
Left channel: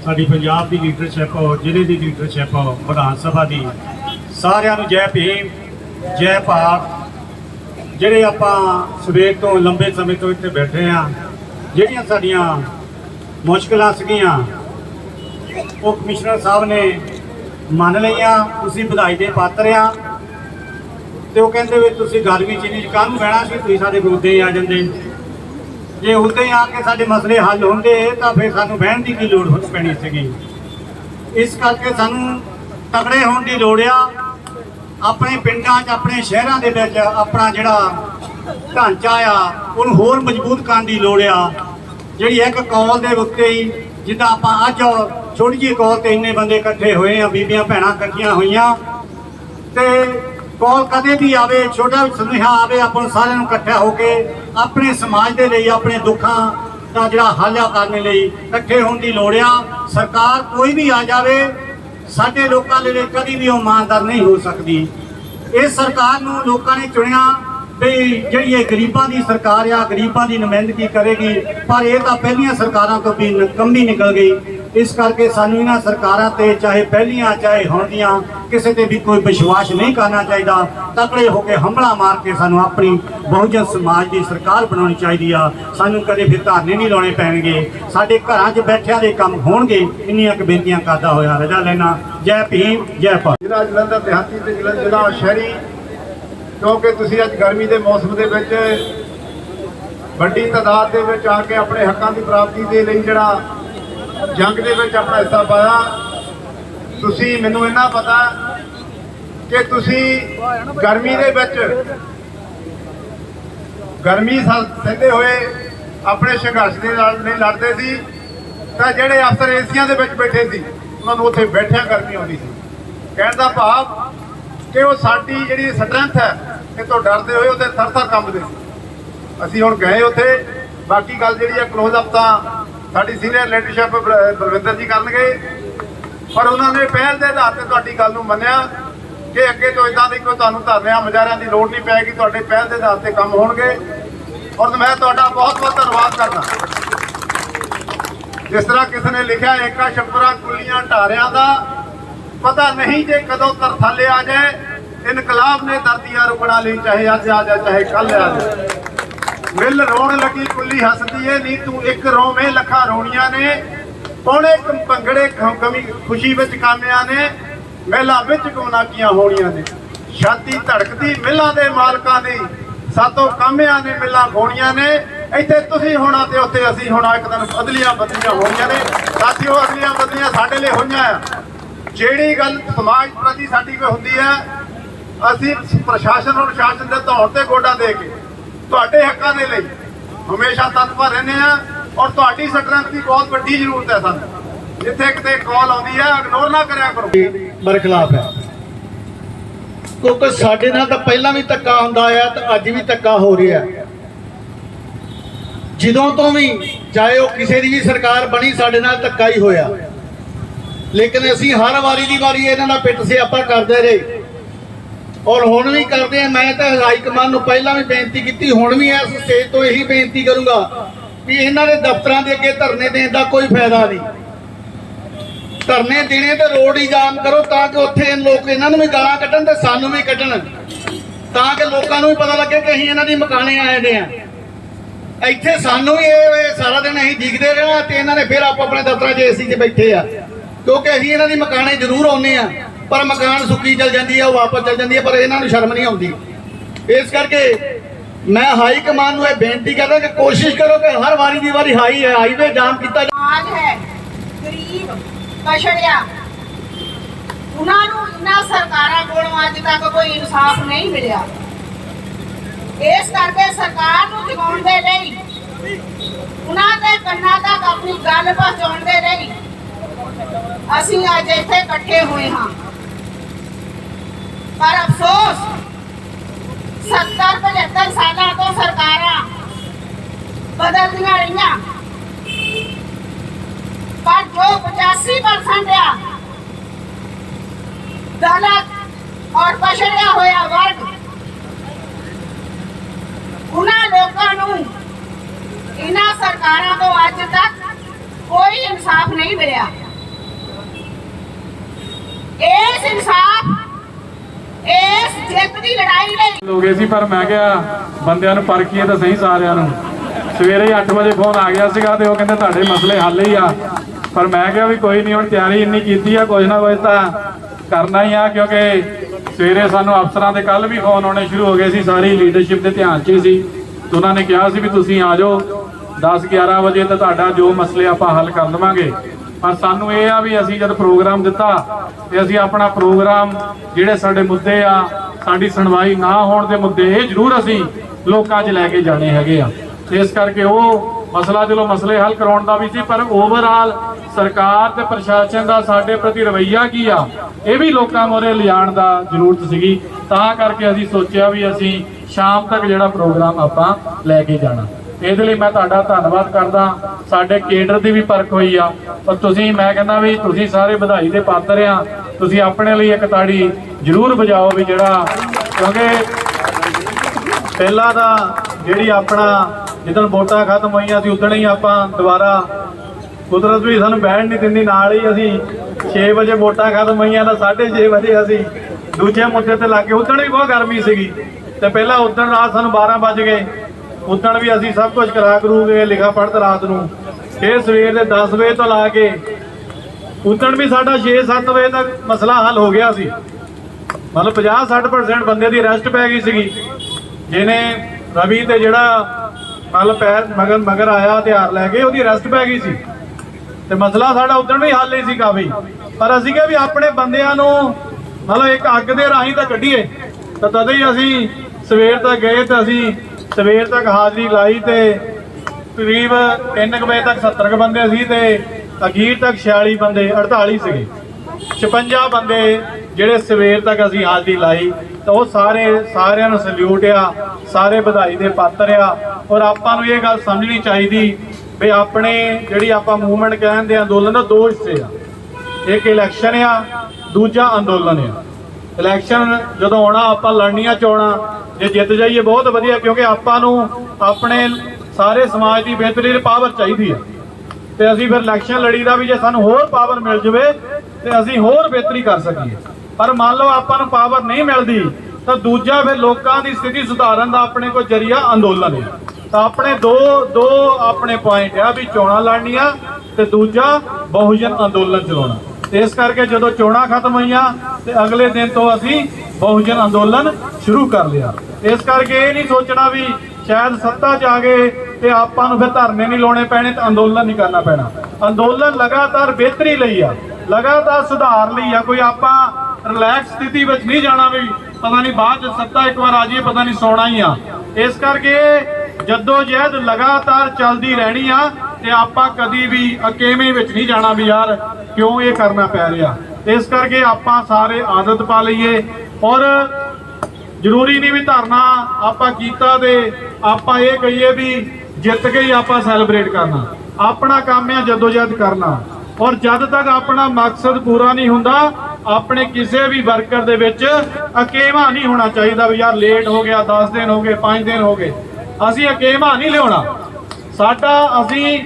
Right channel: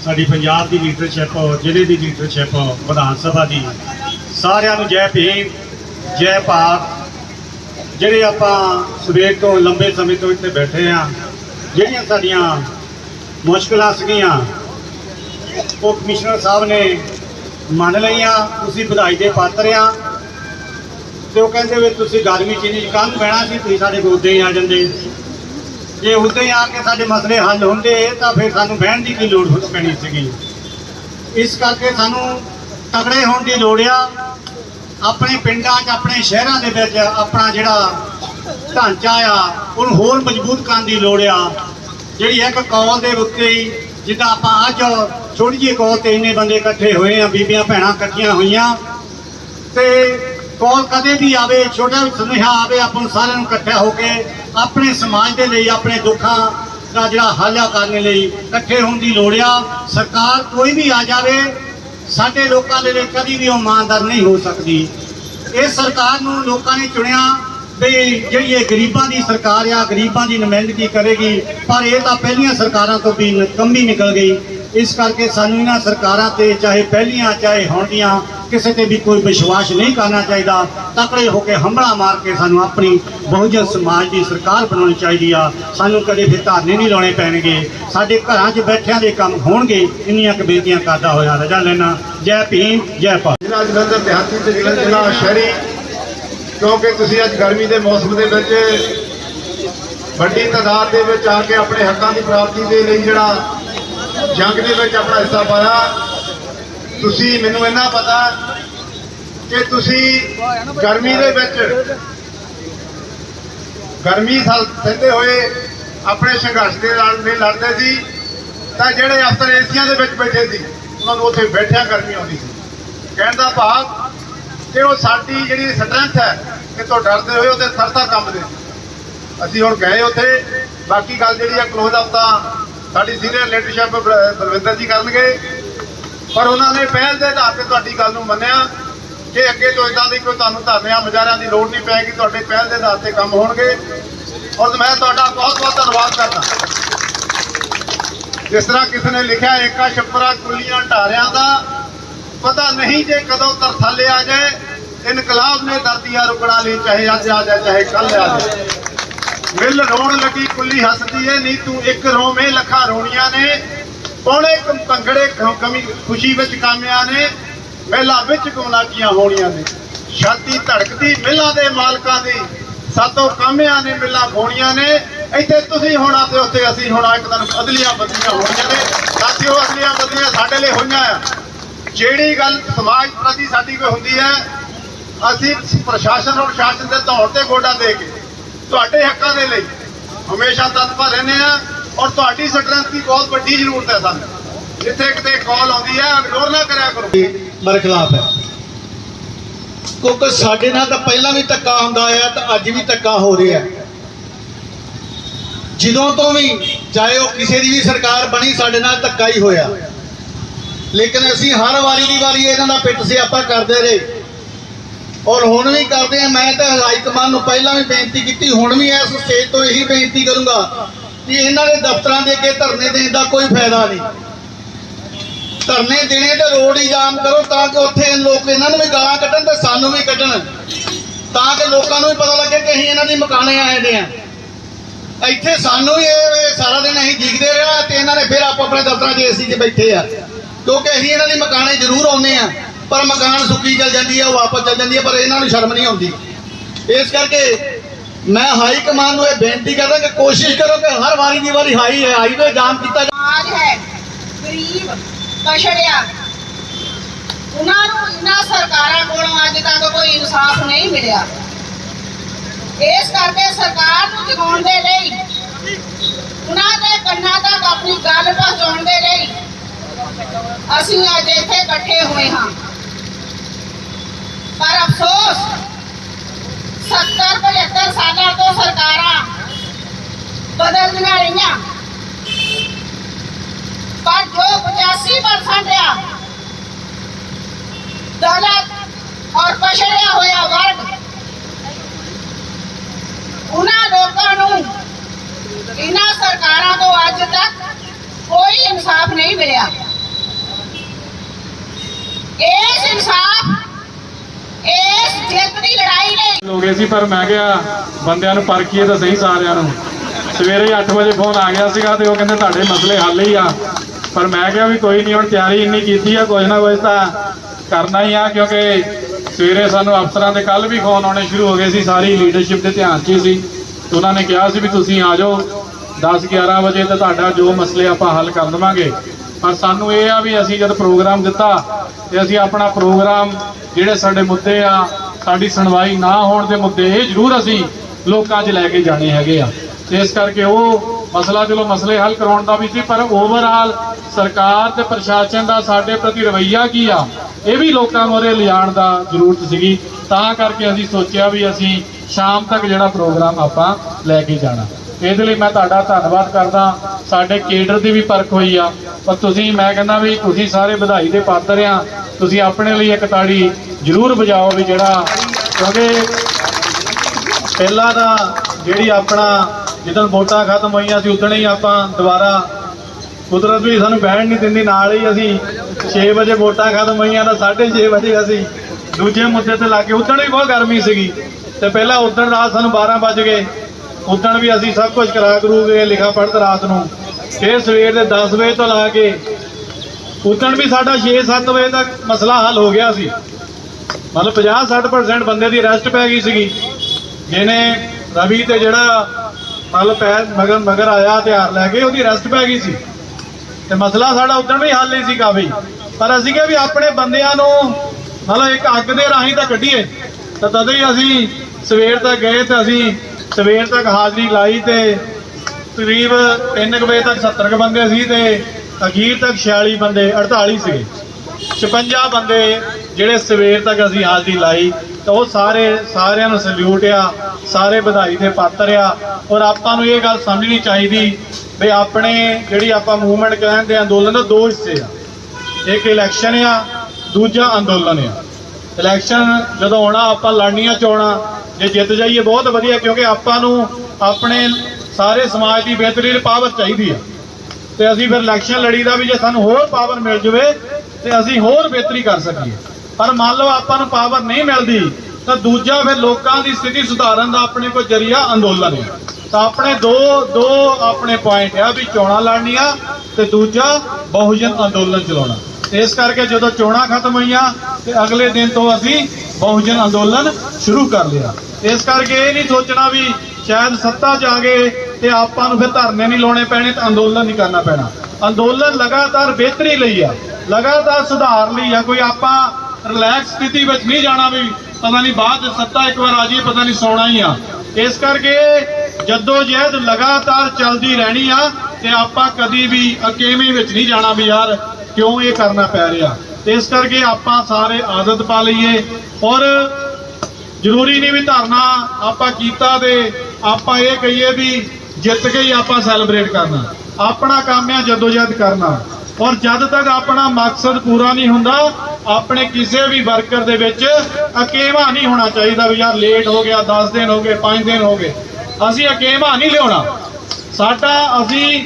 ਸਾਡੀ ਪੰਜਾਬ ਦੀ ਲੀਡਰਸ਼ਿਪ ਜ਼ਿਲ੍ਹੇ ਦੀ ਲੀਡਰਸ਼ਿਪ ਵਿਧਾਨ ਸਭਾ ਦੀ ਸਾਰਿਆਂ ਨੂੰ ਜੈ ਭੀਮ, ਜੈ ਭਾਰਤ। ਜਿਹੜੇ ਆਪਾਂ ਸਵੇਰ ਤੋਂ ਲੰਬੇ ਸਮੇਂ ਤੋਂ ਇੱਥੇ ਬੈਠੇ ਆ, ਜਿਹੜੀਆਂ ਸਾਡੀਆਂ ਮੁਸ਼ਕਲਾਂ ਸੀਗੀਆਂ, ਉਹ ਕਮਿਸ਼ਨਰ ਸਾਹਿਬ ਨੇ ਮੰਨ ਲਈਆਂ, ਤੁਸੀਂ ਵਧਾਈ ਦੇ ਪਾਤਰ ਆ। ਤੇ ਉਹ ਕਹਿੰਦੇ ਵੀ ਤੁਸੀਂ ਗਰਮੀ ਚ ਨਹੀਂ ਕੱਲ ਬਹਿਣਾ ਸੀ, ਤੁਸੀਂ ਸਾਡੇ ਗੋਦੇ ਹੀ ਆ ਜਾਂਦੇ। ਜੇ ਉੱਤੇ ਆ ਕੇ ਸਾਡੇ ਮਸਲੇ ਹੱਲ ਹੁੰਦੇ, ਤਾਂ ਫਿਰ ਸਾਨੂੰ ਬਹਿਣ ਦੀ ਕੀ ਲੋੜ ਹੋ ਪੈਣੀ ਸੀਗੀ। ਇਸ ਕਰਕੇ ਸਾਨੂੰ ਤਕੜੇ ਹੋਣ ਦੀ ਲੋੜ ਆ। ਆਪਣੇ ਪਿੰਡਾਂ 'ਚ, ਆਪਣੇ ਸ਼ਹਿਰਾਂ ਦੇ ਵਿੱਚ ਆਪਣਾ ਜਿਹੜਾ ਢਾਂਚਾ ਆ, ਉਹਨੂੰ ਹੋਰ ਮਜ਼ਬੂਤ ਕਰਨ ਦੀ ਲੋੜ ਆ। ਜਿਹੜੀ ਇੱਕ ਕੌਲ ਦੇ ਉੱਤੇ ਹੀ ਜਿੱਦਾਂ ਆਪਾਂ ਅੱਜ ਛੋਟੀ ਜਿਹੀ ਕੌਲ ਤੇ ਇੰਨੇ ਬੰਦੇ ਇਕੱਠੇ ਹੋਏ ਆ, ਬੀਬੀਆਂ ਭੈਣਾਂ ਇਕੱਠੀਆਂ ਹੋਈਆਂ। ਤੇ ਕੌਲ ਕਦੇ ਵੀ ਆਵੇ, ਛੋਟਾ ਵੀ ਸੁਨੇਹਾ ਆਵੇ, ਆਪਾਂ ਨੂੰ ਸਾਰਿਆਂ ਨੂੰ ਇਕੱਠਾ ਹੋ ਕੇ ਆਪਣੇ ਸਮਾਜ ਦੇ ਲਈ, ਆਪਣੇ ਦੁੱਖਾਂ ਦਾ ਜਿਹੜਾ ਹੱਲ ਕਰਨ ਲਈ ਇਕੱਠੇ ਹੋਣ ਦੀ ਲੋੜ ਆ। ਸਰਕਾਰ ਕੋਈ ਵੀ ਆ ਜਾਵੇ ਸਾਡੇ ਲੋਕਾਂ ਦੇ ਲਈ ਕਦੀ ਵੀ ਉਹ ਇਮਾਨਦਾਰ ਨਹੀਂ ਹੋ ਸਕਦੀ। ਇਸ ਸਰਕਾਰ ਨੂੰ ਲੋਕਾਂ ਨੇ ਚੁਣਿਆ ਤੇ ਜਿਹੜੀ ਇਹ ਗਰੀਬਾਂ ਦੀ ਸਰਕਾਰ ਆ, ਗਰੀਬਾਂ ਦੀ ਨੁਮਾਇੰਦਗੀ ਕਰੇਗੀ, ਪਰ ਇਹ ਤਾਂ ਪਹਿਲੀਆਂ ਸਰਕਾਰਾਂ ਤੋਂ ਵੀ ਕੰਮੀ ਨਿਕਲ ਗਈ। ਇਸ ਕਰਕੇ ਸਾਨੂੰ ਇਹਨਾਂ ਸਰਕਾਰਾਂ ਤੇ ਚਾਹੇ ਪਹਿਲੀਆਂ, ਚਾਹੇ ਹੁਣ ਦੀਆਂ ਕਿਸੇ ਤੇ ਵੀ ਕੋਈ ਵਿਸ਼ਵਾਸ ਨਹੀਂ ਕਰਨਾ ਚਾਹੀਦਾ। ਤਕੜੇ ਹੋ ਕੇ ਹਮਲਾ ਮਾਰ ਕੇ ਸਾਨੂੰ ਆਪਣੀ ਬਹੁਜਨ ਸਮਾਜ ਦੀ ਸਰਕਾਰ ਬਣਾਉਣੀ ਚਾਹੀਦੀ ਆ। ਸਾਨੂੰ ਕਦੇ ਫਿਰ ਧਰਨੇ ਨਹੀਂ ਲਾਉਣੇ ਪੈਣਗੇ। ਸਾਡੇ ਘਰਾਂ 'ਚ ਬੈਠਿਆਂ ਦੇ ਕੰਮ ਹੋਣਗੇ। ਇੰਨੀਆਂ ਕੁ ਬੇਨਤੀਆਂ ਕਰਦਾ ਹੋਇਆ ਰਜਾ ਲੈਣਾ। ਜੈ ਭੀਮ, ਜੈ ਭਾਰਤ। ਜ਼ਿਲ੍ਹਾ ਜਲੰਧਰ ਦਿਹਾਤੀ ਤੇ ਜ਼ਿਲ੍ਹਾ ਸ਼ਹਿਰੀ, ਕਿਉਂਕਿ ਤੁਸੀਂ ਅੱਜ ਗਰਮੀ ਦੇ ਮੌਸਮ ਦੇ ਵਿੱਚ ਵੱਡੀ ਤਾਦਾਦ ਦੇ ਵਿੱਚ ਆ ਕੇ ਆਪਣੇ ਹੱਕਾਂ ਦੀ ਪ੍ਰਾਪਤੀ ਦੇ ਲਈ ਜਿਹੜਾ ਜੰਗ ਦੇ ਵਿੱਚ ਆਪਣਾ ਹਿੱਸਾ ਪਾਇਆ। ਤੁਸੀਂ, ਮੈਨੂੰ ਇਹਨਾਂ ਪਤਾ ਕਿ ਤੁਸੀਂ ਗਰਮੀ ਦੇ ਵਿੱਚ ਗਰਮੀ ਸਾਲ ਸਹਿੰਦੇ ਹੋਏ ਆਪਣੇ ਸੰਘਰਸ਼ ਦੇ ਨਾਲ ਨਹੀਂ ਲੜਦੇ ਸੀ, ਤਾਂ ਜਿਹੜੇ ਅਫਸਰ ਏਸੀਆਂ ਦੇ ਵਿੱਚ ਬੈਠੇ ਸੀ, ਉਹਨਾਂ ਨੂੰ ਉੱਥੇ ਬੈਠਿਆ ਗਰਮੀ ਆਉਂਦੀ ਸੀ। ਕਹਿਣ ਦਾ ਭਾਵ ਕਿ ਉਹ ਸਾਡੀ ਜਿਹੜੀ ਸਟਰੈਂਥ ਹੈ, ਇਹ ਤੋਂ ਡਰਦੇ ਹੋਏ ਉਹਦੇ ਤਰਤਾ ਕੰਬਦੇ ਸੀ। ਅਸੀਂ ਹੁਣ ਗਏ ਉੱਥੇ, ਬਾਕੀ ਗੱਲ ਜਿਹੜੀ ਹੈ ਕਲੋਜ਼ ਅਪ ਤਾਂ ਸਾਡੀ ਸੀਨੀਅਰ ਲੀਡਰਸ਼ਿਪ ਬਲਵਿੰਦਰ ਜੀ ਕਰਨਗੇ। ਪਰ ਉਹਨਾਂ ਨੇ ਪਹਿਲ ਦੇ ਆਧਾਰ ਤੇ ਤੁਹਾਡੀ ਗੱਲ ਨੂੰ ਮੰਨਿਆ ਕਿ ਅੱਗੇ ਤੋਂ ਇਦਾਂ ਦੀ ਕੋਈ ਤੁਹਾਨੂੰ ਧਰਨਿਆਂ ਮੁਜ਼ਾਹਰਿਆਂ ਦੀ ਲੋੜ ਨਹੀਂ ਪੈਗੀ, ਤੁਹਾਡੇ ਪਹਿਲ ਦੇ ਆਧਾਰ ਤੇ ਕੰਮ ਹੋਣਗੇ। ਔਰ ਮੈਂ ਤੁਹਾਡਾ ਬਹੁਤ ਬਹੁਤ ਧੰਨਵਾਦ ਕਰਦਾ। ਜਿਸ ਤਰ੍ਹਾਂ ਕਿਸੇ ਨੇ ਲਿਖਿਆ, ਏਕਾ ਛਪਰਾ ਕੁੱਲੀਆਂ ਢਾਰਿਆਂ ਦਾ, ਪਤਾ ਨਹੀਂ ਜੇ ਕਦੋਂ ਤਰਥਾਲੇ ਆ ਜਾਏ, ਇਨਕਲਾਬ ਨੇ ਦਾਤੀਆਂ ਰੁਕਣਾ ਲਈ ਚਾਹੇ ਅੱਜ ਆ ਜਾਏ, ਚਾਹੇ ਕੱਲ ਆ ਜਾਏ। ਮਿਲ ਰੋਣ ਲੱਗੀ, ਕੁੱਲੀ ਹੱਸਦੀ ਏ ਨਹੀਂ ਤੂੰ ਇੱਕ ਰੋਵੇਂ ਲੱਖਾਂ ਰੋਣੀਆਂ ਨੇ। ਪੌਣੇ ਭੰਗੜੇ ਕਮੀ, ਖੁਸ਼ੀ ਵਿੱਚ ਕਾਮਿਆਂ ਨੇ ਮਹਿਲਾ ਵਿੱਚ ਗੁਮਨਾਟੀਆਂ ਹੋਣੀਆਂ ਨੇ। ਛਾਤੀ ਧੜਕਦੀ ਮਿਲਾਂ ਦੇ ਮਾਲਕਾਂ ਦੀ, ਸਾਤੋਂ ਕਾਮਿਆਂ ਨੇ ਮਿਲਾਂ ਖੋਣੀਆਂ ਨੇ। ਇੱਥੇ ਤੁਸੀਂ ਹੋਣਾ ਤੇ ਉੱਥੇ ਅਸੀਂ ਹੋਣਾ, ਇੱਕ ਦਿਨ ਅਦਲੀਆਂ ਬਦਲੀਆਂ ਹੋਣੀਆਂ ਨੇ। ਸਾਥੀਓ ਅਦਲੀਆਂ ਬਦਲੀਆਂ ਸਾਡੇ ਲਈ ਹੋਈਆਂ ਆ। ਜਿਹੜੀ ਗੱਲ ਸਮਾਜ ਪ੍ਰਤੀ ਸਾਡੀ ਕੋਈ ਹੁੰਦੀ ਹੈ, ਅਸੀਂ ਪ੍ਰਸ਼ਾਸਨ ਔਰ ਸ਼ਾਸਨ ਦੇ ਤੌਰ ਤੇ ਗੋਡਾ ਦੇ ਕੇ ਤੁਹਾਡੇ ਹੱਕਾਂ ਦੇ ਲਈ ਹਮੇਸ਼ਾ ਤਤਪਰ ਰਹਿੰਦੇ ਆ ਔਰ ਤੁਹਾਡੀ ਸਟਰੈਂਥ ਦੀ ਬਹੁਤ ਵੱਡੀ ਜ਼ਰੂਰਤ ਹੈ ਸਾਨੂੰ। ਜਿੱਥੇ ਕਿਤੇ ਕਾਲ ਆਉਂਦੀ ਹੈ ਇਗਨੋਰ ਨਾ ਕਰਿਆ ਕਰੋ। ਮੇਰੇ ਖਿਲਾਫ ਹੈ। ਕਿਉਂਕਿ ਸਾਡੇ ਨਾਲ ਤਾਂ ਪਹਿਲਾਂ ਵੀ ਧੱਕਾ ਹੁੰਦਾ ਆ, ਤਾਂ ਅੱਜ ਵੀ ਧੱਕਾ ਹੋ ਰਿਹਾ ਜਦੋਂ ਤੋਂ ਵੀ ਚਾਹੇ ਉਹ ਕਿਸੇ ਦੀ ਵੀ ਸਰਕਾਰ ਬਣੀ, ਸਾਡੇ ਨਾਲ ਧੱਕਾ ਹੀ ਹੋਇਆ। ਲੇਕਿਨ ਅਸੀਂ ਹਰ ਵਾਰੀ ਦੀ ਵਾਰੀ ਇਹਨਾਂ ਦਾ ਪਿੱਟ ਸਿਆਪਾ ਕਰਦੇ ਰਹੇ। ਔਰ ਹੁਣ ਵੀ ਕਰਦੇ ਆ, ਮੈਂ ਤਾਂ ਹਾਈ ਕਮਾਂਡ ਨੂੰ ਪਹਿਲਾਂ ਵੀ ਬੇਨਤੀ ਕੀਤੀ, ਹੁਣ ਵੀ ਇਸ ਸਟੇਜ ਤੋਂ ਇਹੀ ਬੇਨਤੀ ਕਰੂੰਗਾ ਕਿ ਇਹਨਾਂ ਦੇ ਦਫ਼ਤਰਾਂ ਦੇ ਅੱਗੇ ਧਰਨੇ ਦੇਣ ਦਾ ਕੋਈ ਫਾਇਦਾ ਨਹੀਂ। ਧਰਨੇ ਦੇਣੇ ਤੇ ਰੋਡ ਹੀ ਜਾਮ ਕਰੋ ਤਾਂ ਕਿ ਉੱਥੇ ਲੋਕ ਇਹਨਾਂ ਨੂੰ ਵੀ ਗਾਲਾਂ ਕੱਢਣ ਤੇ ਸਾਨੂੰ ਵੀ ਕੱਢਣ, ਤਾਂ ਕਿ ਲੋਕਾਂ ਨੂੰ ਵੀ ਪਤਾ ਲੱਗੇ ਕਿ ਅਸੀਂ ਇਹਨਾਂ ਦੀ ਮਕਾਨੇ ਆਏ ਦੇ ਆ। ਇੱਥੇ ਸਾਨੂੰ ਵੀ ਇਹ ਸਾਰਾ ਦਿਨ ਅਸੀਂ ਦੇਖਦੇ ਰਹਿਣਾ ਤੇ ਇਹਨਾਂ ਨੇ ਫਿਰ ਆਪੋ ਆਪਣੇ ਦਫ਼ਤਰਾਂ 'ਚ ਏਸੀ 'ਚ ਬੈਠੇ ਆ, ਕਿਉਂਕਿ ਅਸੀਂ ਇਹਨਾਂ ਦੀ ਮਕਾਨੇ ਜ਼ਰੂਰ ਆਉਂਦੇ ਆ। ਪਰ ਮਕਾਨ ਸੁੱਕੀ ਚਲ ਜਾਂਦੀ ਹੈ ਉਹ ਵਾਪਸ ਚਲ ਜਾਂਦੀ ਆ, ਪਰ ਇਹਨਾਂ ਨੂੰ ਸ਼ਰਮ ਨਹੀਂ ਆਉਂਦੀ। ਇਸ ਕਰਕੇ ਮੈਂ ਹਾਈ ਕਮਾਂਡ ਨੂੰ ਇਹ ਬੇਨਤੀ ਕਰਦਾ ਕਿ ਕੋਸ਼ਿਸ਼ ਕਰੋ ਕਿ ਹਰ ਵਾਰੀ ਦੀ ਵਾਰੀ ਹਾਈ ਹਾਈਵੇ ਜਾਮ ਕੀਤਾ ਸਮਾਜ ਹੈ। ਗਰੀਬ ਪਛੜਿਆ ਉਹਨਾਂ ਨੂੰ ਇਹਨਾਂ ਸਰਕਾਰਾਂ ਕੋਲੋਂ ਅੱਜ ਤੱਕ ਕੋਈ ਇਨਸਾਫ ਨਹੀਂ ਮਿਲਿਆ। ਇਸ ਕਰਕੇ ਸਰਕਾਰ ਨੂੰ ਜਗਾਉਣ ਦੇ ਲਈ, ਉਹਨਾਂ ਦੇ ਕੰਨਾਂ ਤੱਕ ਆਪਣੀ ਗੱਲ ਪਹੁੰਚਾਉਣ ਦੇ ਲਈ ਅਸੀਂ ਅੱਜ ਇੱਥੇ ਇਕੱਠੇ ਹੋਏ ਹਾਂ। ਪਰ ਅਫਸੋਸ 70 75 ਸਾਲਾਂ ਤੋਂ ਸਰਕਾਰਾਂ ਬਦਲਦੀਆਂ ਰਹੀਆਂ। ਪਰ ਜੋ 85% ਆ, ਦਲਿਤ ਔਰ ਪਛੜਿਆ ਹੋਇਆ ਵਰਗ, ਉਹਨਾਂ ਲੋਕਾਂ ਨੂੰ ਇਹਨਾਂ ਸਰਕਾਰਾਂ ਤੋਂ ਅੱਜ ਤੱਕ ਕੋਈ ਇਨਸਾਫ ਨਹੀਂ ਮਿਲਿਆ। ਇਸ ਇਨਸਾਫ ਇਸ ਜਿੱਤ ਦੀ ਲੜਾਈ ਲਈ। ਹੋ ਸੀ, ਪਰ ਮੈਂ ਕਿਹਾ ਬੰਦਿਆਂ ਨੂੰ ਪਰਖੀਏ ਤਾਂ ਸਹੀ ਸਾਰਿਆਂ ਨੂੰ। ਸਵੇਰੇ 8 ਵਜੇ ਫੋਨ ਆ ਗਿਆ ਸੀਗਾ ਤੇ ਉਹ ਕਹਿੰਦੇ ਤੁਹਾਡੇ ਮਸਲੇ ਹੱਲ ਹੀ ਆ। ਪਰ ਮੈਂ ਕਿਹਾ ਵੀ ਕੋਈ ਨਹੀਂ ਹੁਣ ਤਿਆਰੀ ਇੰਨੀ ਕੀਤੀ ਆ ਕੁਝ ਨਾ ਕੁਝ ਤਾਂ ਕਰਨਾ ਹੀ ਆ, ਕਿਉਂਕਿ ਸਵੇਰੇ ਸਾਨੂੰ ਅਫਸਰਾਂ ਦੇ ਕੱਲ ਵੀ ਫੋਨ ਆਉਣੇ ਸ਼ੁਰੂ ਹੋ ਗਏ ਸੀ, ਸਾਰੀ ਲੀਡਰਸ਼ਿਪ ਦੇ ਧਿਆਨ 'ਚ ਹੀ ਸੀ। ਉਹਨਾਂ ਨੇ ਕਿਹਾ ਸੀ ਵੀ ਤੁਸੀਂ ਆ ਜਾਓ 10 11 ਵਜੇ ਤਾਂ ਤੁਹਾਡਾ ਜੋ ਮਸਲੇ ਆਪਾਂ ਹੱਲ ਕਰ ਲਵਾਂਗੇ ਪਰ ਸਾਨੂੰ ਇਹ ਆ ਵੀ ਅਸੀਂ ਜਦ ਪ੍ਰੋਗਰਾਮ ਦਿੱਤਾ ਤੇ ਅਸੀਂ ਆਪਣਾ ਪ੍ਰੋਗਰਾਮ ਜਿਹੜੇ ਸਾਡੇ ਮੁੱਦੇ ਆ, ਸਾਡੀ ਸੁਣਵਾਈ ਨਾ ਹੋਣ ਦੇ ਮੁੱਦੇ ਇਹ ਜ਼ਰੂਰ ਅਸੀਂ ਲੋਕਾਂ 'ਚ ਲੈ ਕੇ ਜਾਣੇ ਹੈਗੇ ਆ। ਇਸ ਕਰਕੇ ਉਹ ਮਸਲਾ ਚਲੋ ਮਸਲੇ ਹੱਲ ਕਰਾਉਣ ਦਾ ਵੀ ਸੀ, ਪਰ ਓਵਰਆਲ ਸਰਕਾਰ ਤੇ ਪ੍ਰਸ਼ਾਸਨ ਦਾ ਸਾਡੇ ਪ੍ਰਤੀ ਰਵੱਈਆ ਕੀ ਆ, ਇਹ ਵੀ ਲੋਕਾਂ ਮੋਰੇ ਲਿਜਾਣ ਦਾ ਜ਼ਰੂਰਤ ਸੀਗੀ। ਤਾਂ ਕਰਕੇ ਅਸੀਂ ਸੋਚਿਆ ਵੀ ਅਸੀਂ ਸ਼ਾਮ ਤੱਕ ਜਿਹੜਾ ਪ੍ਰੋਗਰਾਮ ਆਪਾਂ ਲੈ ਕੇ ਜਾਣਾ। ਇਹਦੇ ਲਈ ਮੈਂ ਤੁਹਾਡਾ ਧੰਨਵਾਦ ਕਰਦਾ। ਸਾਡੇ ਕੇਡਰ ਦੀ ਵੀ ਪਰਖ ਹੋਈ ਆ। ਪਰ ਤੁਸੀਂ, ਮੈਂ ਕਹਿੰਦਾ ਵੀ ਤੁਸੀਂ ਸਾਰੇ ਵਧਾਈ ਦੇ ਪਾਤਰ ਆ। ਤੁਸੀਂ ਆਪਣੇ ਲਈ ਇੱਕ ਤਾੜੀ ਜ਼ਰੂਰ ਵਜਾਓ ਵੀ ਜਿਹੜਾ, ਕਿਉਂਕਿ ਪਹਿਲਾਂ ਤਾਂ ਜਿਹੜੀ ਆਪਣਾ ਜਦੋਂ ਵੋਟਾਂ ਖਤਮ ਹੋਈਆਂ ਸੀ, ਉਦਣ ਹੀ ਆਪਾਂ ਦੁਬਾਰਾ ਕੁਦਰਤ ਵੀ ਸਾਨੂੰ ਬਹਿਣ ਨਹੀਂ ਦਿੰਦੀ, ਨਾਲ ਹੀ ਅਸੀਂ 6 ਵਜੇ ਵੋਟਾਂ ਖਤਮ ਹੋਈਆਂ ਤਾਂ 6:30 ਵਜੇ ਅਸੀਂ ਦੂਜੇ ਮੁੱਦੇ ਤੇ ਲੱਗੇ ਉਦਣ ਵੀ ਬਹੁਤ ਗਰਮੀ ਸੀਗੀ ਤੇ ਪਹਿਲਾਂ ਉਦਣ ਰਾਤ ਸਾਨੂੰ 12 ਵੱਜ ਗਏ। ਉਦਣ ਵੀ ਅਸੀਂ ਸਭ ਕੁਝ ਕਰਾ ਕਰੂ ਗਏ ਲਿਖਾ ਪੜ੍ਹਤ ਰਾਤ ਨੂੰ। ਫਿਰ ਸਵੇਰ ਦੇ 10 ਵਜੇ ਤੋਂ ਲਾ ਕੇ ਉਦਣ ਵੀ ਸਾਡਾ 6-7 ਵਜੇ ਤੱਕ ਮਸਲਾ ਹੱਲ ਹੋ ਗਿਆ ਸੀ। ਮਤਲਬ 50-60% ਬੰਦੇ ਦੀ ਰੈਸਟ ਪੈ ਗਈ ਸੀਗੀ। ਜਿਹਨੇ ਰਵੀ ਤੇ ਜਿਹੜਾ ਮਤਲਬ ਪੈਰ ਮਗਰ ਮਗਰ ਆਇਆ, ਹਥਿਆਰ ਲੈ ਕੇ ਉਹਦੀ ਰੈਸਟ ਪੈ ਗਈ ਸੀ। ਤੇ ਮਸਲਾ ਸਾਡਾ ਉਦੋਂ ਵੀ ਹੱਲ ਨਹੀਂ ਸੀ ਕਾਫੀ। ਪਰ ਅਸੀਂ ਕਿਹਾ ਵੀ ਆਪਣੇ ਬੰਦਿਆਂ ਨੂੰ ਮਤਲਬ ਇੱਕ ਅੱਗ ਦੇ ਰਾਹੀਂ ਤਾਂ ਕੱਢੀਏ। ਤਾਂ ਤਦੇ ਹੀ ਅਸੀਂ ਸਵੇਰ ਤੱਕ ਗਏ ਤੇ ਅਸੀਂ ਸਵੇਰ ਤੱਕ ਹਾਜ਼ਰੀ ਲਾਈ ਤੇ ਕਰੀਬ 3 ਵਜੇ ਤੱਕ 70 ਕੁ ਬੰਦੇ ਸੀ ਤੇ ਅਖੀਰ ਤੱਕ 46 ਬੰਦੇ 48 ਸੀਗੇ। 56 ਬੰਦੇ ਜਿਹੜੇ ਸਵੇਰ ਤੱਕ ਅਸੀਂ ਹਾਜ਼ਰੀ ਲਾਈ, ਤਾਂ ਉਹ ਸਾਰੇ, ਸਾਰਿਆਂ ਨੂੰ ਸਲੂਟ ਆ, ਸਾਰੇ ਵਧਾਈ ਦੇ ਪਾਤਰ ਆ। ਔਰ ਆਪਾਂ ਨੂੰ ਇਹ ਗੱਲ ਸਮਝਣੀ ਚਾਹੀਦੀ ਵੀ ਆਪਣੇ ਜਿਹੜੀ ਆਪਾਂ ਮੂਵਮੈਂਟ ਕਹਿੰਦੇ ਆ, ਅੰਦੋਲਨ ਦਾ ਦੋ ਹਿੱਸੇ ਆ। ਇੱਕ ਇਲੈਕਸ਼ਨ ਆ, ਦੂਜਾ ਅੰਦੋਲਨ ਆ। ਇਲੈਕਸ਼ਨ ਜਦੋਂ ਆਉਣਾ ਆਪਾਂ ਲੜਨੀਆਂ ਚੋਣਾ ਜੇ ਜਿੱਤ ਜਾਈਏ ਬਹੁਤ ਵਧੀਆ, ਕਿਉਂਕਿ ਆਪਾਂ ਨੂੰ ਆਪਣੇ ਸਾਰੇ ਸਮਾਜ ਦੀ ਬਿਹਤਰੀ ਲਈ ਪਾਵਰ ਚਾਹੀਦੀ ਹੈ। ਤੇ ਅਸੀਂ ਫਿਰ ਇਲੈਕਸ਼ਨ ਲੜੀਦਾ ਵੀ ਜੇ ਸਾਨੂੰ ਹੋਰ ਪਾਵਰ ਮਿਲ ਜਵੇ, ਤੇ ਅਸੀਂ ਹੋਰ ਬਿਹਤਰੀ ਕਰ ਸਕੀਏ। ਪਰ ਮੰਨ ਲਓ ਆਪਾਂ ਨੂੰ ਪਾਵਰ ਨਹੀਂ ਮਿਲਦੀ, ਤਾਂ ਦੂਜਾ ਫਿਰ ਲੋਕਾਂ ਦੀ ਸਥਿਤੀ ਸੁਧਾਰਨ ਦਾ ਆਪਣੇ ਕੋਲ ਜਰੀਆ ਅੰਦੋਲਨ ਹੈ। ਤਾਂ ਆਪਣੇ ਦੋ ਦੋ ਆਪਣੇ ਪੁਆਇੰਟ ਆ ਵੀ ਚੋਣਾਂ ਲੜਨੀਆਂ ਤੇ ਦੂਜਾ ਬਹੁਜਨ ਅੰਦੋਲਨ ਚਲਾਉਣਾ। ਇਸ ਕਰਕੇ ਜਦੋਂ ਚੋਣਾਂ ਖਤਮ ਹੋਈਆਂ, ਤੇ ਅਗਲੇ ਦਿਨ ਤੋਂ ਅਸੀਂ ਬਹੁਜਨ ਅੰਦੋਲਨ ਸ਼ੁਰੂ ਕਰ ਲਿਆ। ਇਸ ਕਰਕੇ ਇਹ ਨਹੀਂ ਸੋਚਣਾ ਵੀ ਸ਼ਾਇਦ ਸੱਤਾ 'ਚ ਆ ਗਏ ਤੇ ਆਪਾਂ ਨੂੰ ਫਿਰ ਧਰਨੇ ਨਹੀਂ ਲਾਉਣੇ ਪੈਣੇ ਤੇ ਅੰਦੋਲਨ ਨਹੀਂ ਕਰਨਾ ਪੈਣਾ। ਅੰਦੋਲਨ ਲਗਾਤਾਰ ਬਿਹਤਰੀ ਲਈ ਆ, ਲਗਾਤਾਰ ਸੁਧਾਰ ਲਈ ਆ। ਕੋਈ ਆਪਾਂ ਰਿਲੈਕਸ ਸਥਿਤੀ ਵਿੱਚ ਨਹੀਂ ਜਾਣਾ ਵੀ ਪਤਾ ਨਹੀਂ ਬਾਅਦ ਸੱਤਾ ਇੱਕ ਵਾਰ ਆ ਜਾਈਏ, ਪਤਾ ਨਹੀਂ ਸੌਣਾ ਹੀ ਆ। ਇਸ ਕਰਕੇ ਜਦੋਂ ਜਹਿਦ ਲਗਾਤਾਰ ਚੱਲਦੀ ਰਹਿਣੀ ਆ ਤੇ ਆਪਾਂ ਕਦੀ ਵੀ ਅਕੇਵੇਂ ਵਿੱਚ ਨਹੀਂ ਜਾਣਾ ਵੀ ਯਾਰ ਕਿਉਂ ਇਹ ਕਰਨਾ ਪੈ ਰਿਹਾ। ਇਸ ਕਰਕੇ ਆਪਾਂ ਸਾਰੇ ਆਦਤ ਪਾ ਲਈਏ। ਔਰ ਜ਼ਰੂਰੀ ਨਹੀਂ ਵੀ ਧਰਨਾ ਆਪਾਂ ਕੀਤਾ ਤੇ ਆਪਾਂ ਇਹ ਕਹੀਏ ਵੀ ਜਿੱਤ ਕੇ ਹੀ ਆਪਾਂ ਸੈਲੀਬ੍ਰੇਟ ਕਰਨਾ। ਆਪਣਾ ਕੰਮ ਹੈ ਜਦੋਜਹਿਦ ਕਰਨਾ। ਔਰ ਜਦ ਤੱਕ ਆਪਣਾ ਮਕਸਦ ਪੂਰਾ ਨਹੀਂ ਹੁੰਦਾ, ਆਪਣੇ ਕਿਸੇ ਵੀ ਵਰਕਰ ਦੇ ਵਿੱਚ ਅਕੇਵਾ ਨਹੀਂ ਹੋਣਾ ਚਾਹੀਦਾ ਵੀ ਯਾਰ ਲੇਟ ਹੋ ਗਿਆ 10 ਦਿਨ ਹੋ ਗਏ 5 ਦਿਨ ਹੋ ਗਏ। ਅਸੀਂ ਅਕੇਵਾ ਨਹੀਂ ਲਿਆਉਣਾ। ਸਾਡਾ, ਅਸੀਂ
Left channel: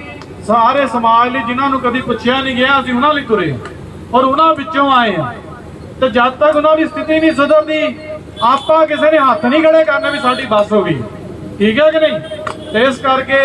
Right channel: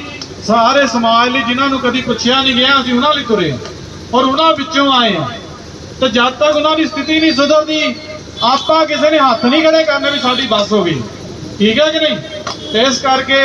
ਸਾਰੇ ਸਮਾਜ ਲਈ ਜਿਨ੍ਹਾਂ ਨੂੰ ਕਦੀ ਪੁੱਛਿਆ ਨਹੀਂ ਗਿਆ, ਅਸੀਂ ਉਹਨਾਂ ਲਈ ਤੁਰੇ ਔਰ ਉਹਨਾਂ ਵਿੱਚੋਂ ਆਏ ਹਾਂ। ਤੇ ਜਦ ਤੱਕ ਉਹਨਾਂ ਦੀ ਸਥਿਤੀ ਨਹੀਂ ਸੁਧਰਦੀ, ਆਪਾਂ ਕਿਸੇ ਨੇ ਹੱਥ ਨਹੀਂ ਖੜੇ ਕਰਨੇ ਵੀ ਸਾਡੀ ਬੱਸ ਹੋ ਗਈ। ਠੀਕ ਹੈ ਕਿ ਨਹੀਂ? ਤੇ ਇਸ ਕਰਕੇ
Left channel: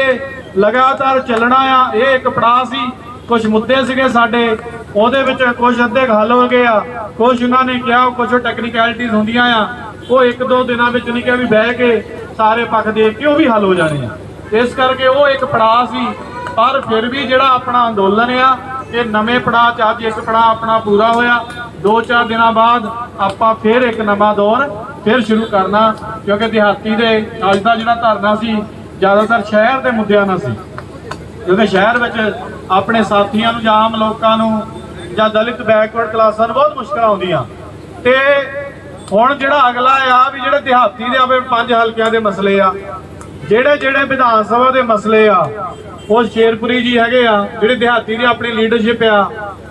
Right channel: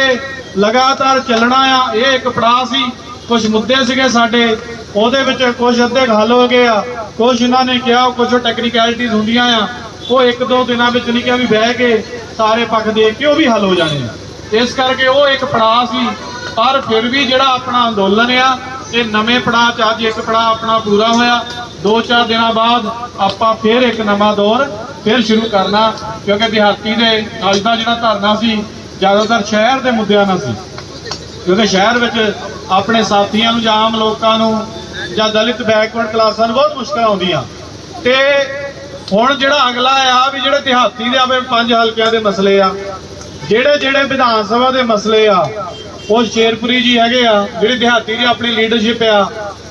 ਲਗਾਤਾਰ ਚੱਲਣਾ ਆ, ਇਹ ਇੱਕ ਪੜਾਅ ਸੀ। ਕੁਝ ਮੁੱਦੇ ਸੀਗੇ ਸਾਡੇ, ਉਹਦੇ ਵਿੱਚ ਕੁਝ ਅੱਧੇ ਹੱਲ ਹੋ ਗਏ ਆ। ਕੁਝ ਉਹਨਾਂ ਨੇ ਕਿਹਾ ਕੁਝ ਟੈਕਨੀਕੈਲਿਟੀਜ਼ ਹੁੰਦੀਆਂ ਆ। ਉਹ ਇੱਕ ਦੋ ਦਿਨਾਂ ਵਿੱਚ ਨਹੀਂ ਕਿਹਾ ਵੀ ਬਹਿ ਕੇ ਸਾਰੇ ਪੱਖ ਦੇਖ ਕੇ ਉਹ ਵੀ ਹੱਲ ਹੋ ਜਾਣੇ ਆ। ਇਸ ਕਰਕੇ ਉਹ ਇੱਕ ਪੜਾਅ ਸੀ, ਪਰ ਫਿਰ ਵੀ ਜਿਹੜਾ ਆਪਣਾ ਅੰਦੋਲਨ ਆ, ਇਹ ਨਵੇਂ ਪੜਾਅ ਚ ਅੱਜ ਇੱਕ ਪੜਾਅ ਆਪਣਾ ਪੂਰਾ ਹੋਇਆ। ਦੋ ਚਾਰ ਦਿਨਾਂ ਬਾਅਦ ਆਪਾਂ ਫਿਰ ਇੱਕ ਨਵਾਂ ਦੌਰ ਫਿਰ ਸ਼ੁਰੂ ਕਰਨਾ, ਕਿਉਂਕਿ ਦਿਹਾਤੀ ਦੇ ਅੱਜ ਦਾ ਜਿਹੜਾ ਧਰਨਾ ਸੀ, ਜ਼ਿਆਦਾਤਰ ਸ਼ਹਿਰ ਦੇ ਮੁੱਦਿਆਂ ਨਾਲ ਸੀ। ਕਿਉਂਕਿ ਸ਼ਹਿਰ ਵਿੱਚ ਆਪਣੇ ਸਾਥੀਆਂ ਨੂੰ ਜਾਂ ਆਮ ਲੋਕਾਂ ਨੂੰ ਜਾਂ ਦਲਿਤ ਬੈਕਵਰਡ ਕਲਾਸਾਂ ਨੂੰ ਬਹੁਤ ਮੁਸ਼ਕਲਾਂ ਆਉਂਦੀਆਂ। ਤੇ ਹੁਣ ਜਿਹੜਾ ਅਗਲਾ ਆ ਵੀ ਜਿਹੜੇ ਦਿਹਾਤੀ ਦੇ ਆਪਣੇ ਪੰਜ ਹਲਕਿਆਂ ਦੇ ਮਸਲੇ ਆ, ਜਿਹੜੇ ਜਿਹੜੇ ਵਿਧਾਨ ਸਭਾ ਦੇ ਮਸਲੇ ਆ, ਉਹ ਸ਼ੇਰਪੁਰੀ ਜੀ ਹੈਗੇ ਆ, ਜਿਹੜੇ ਦਿਹਾਤੀ ਦੀ ਆਪਣੀ ਲੀਡਰਸ਼ਿਪ ਆ,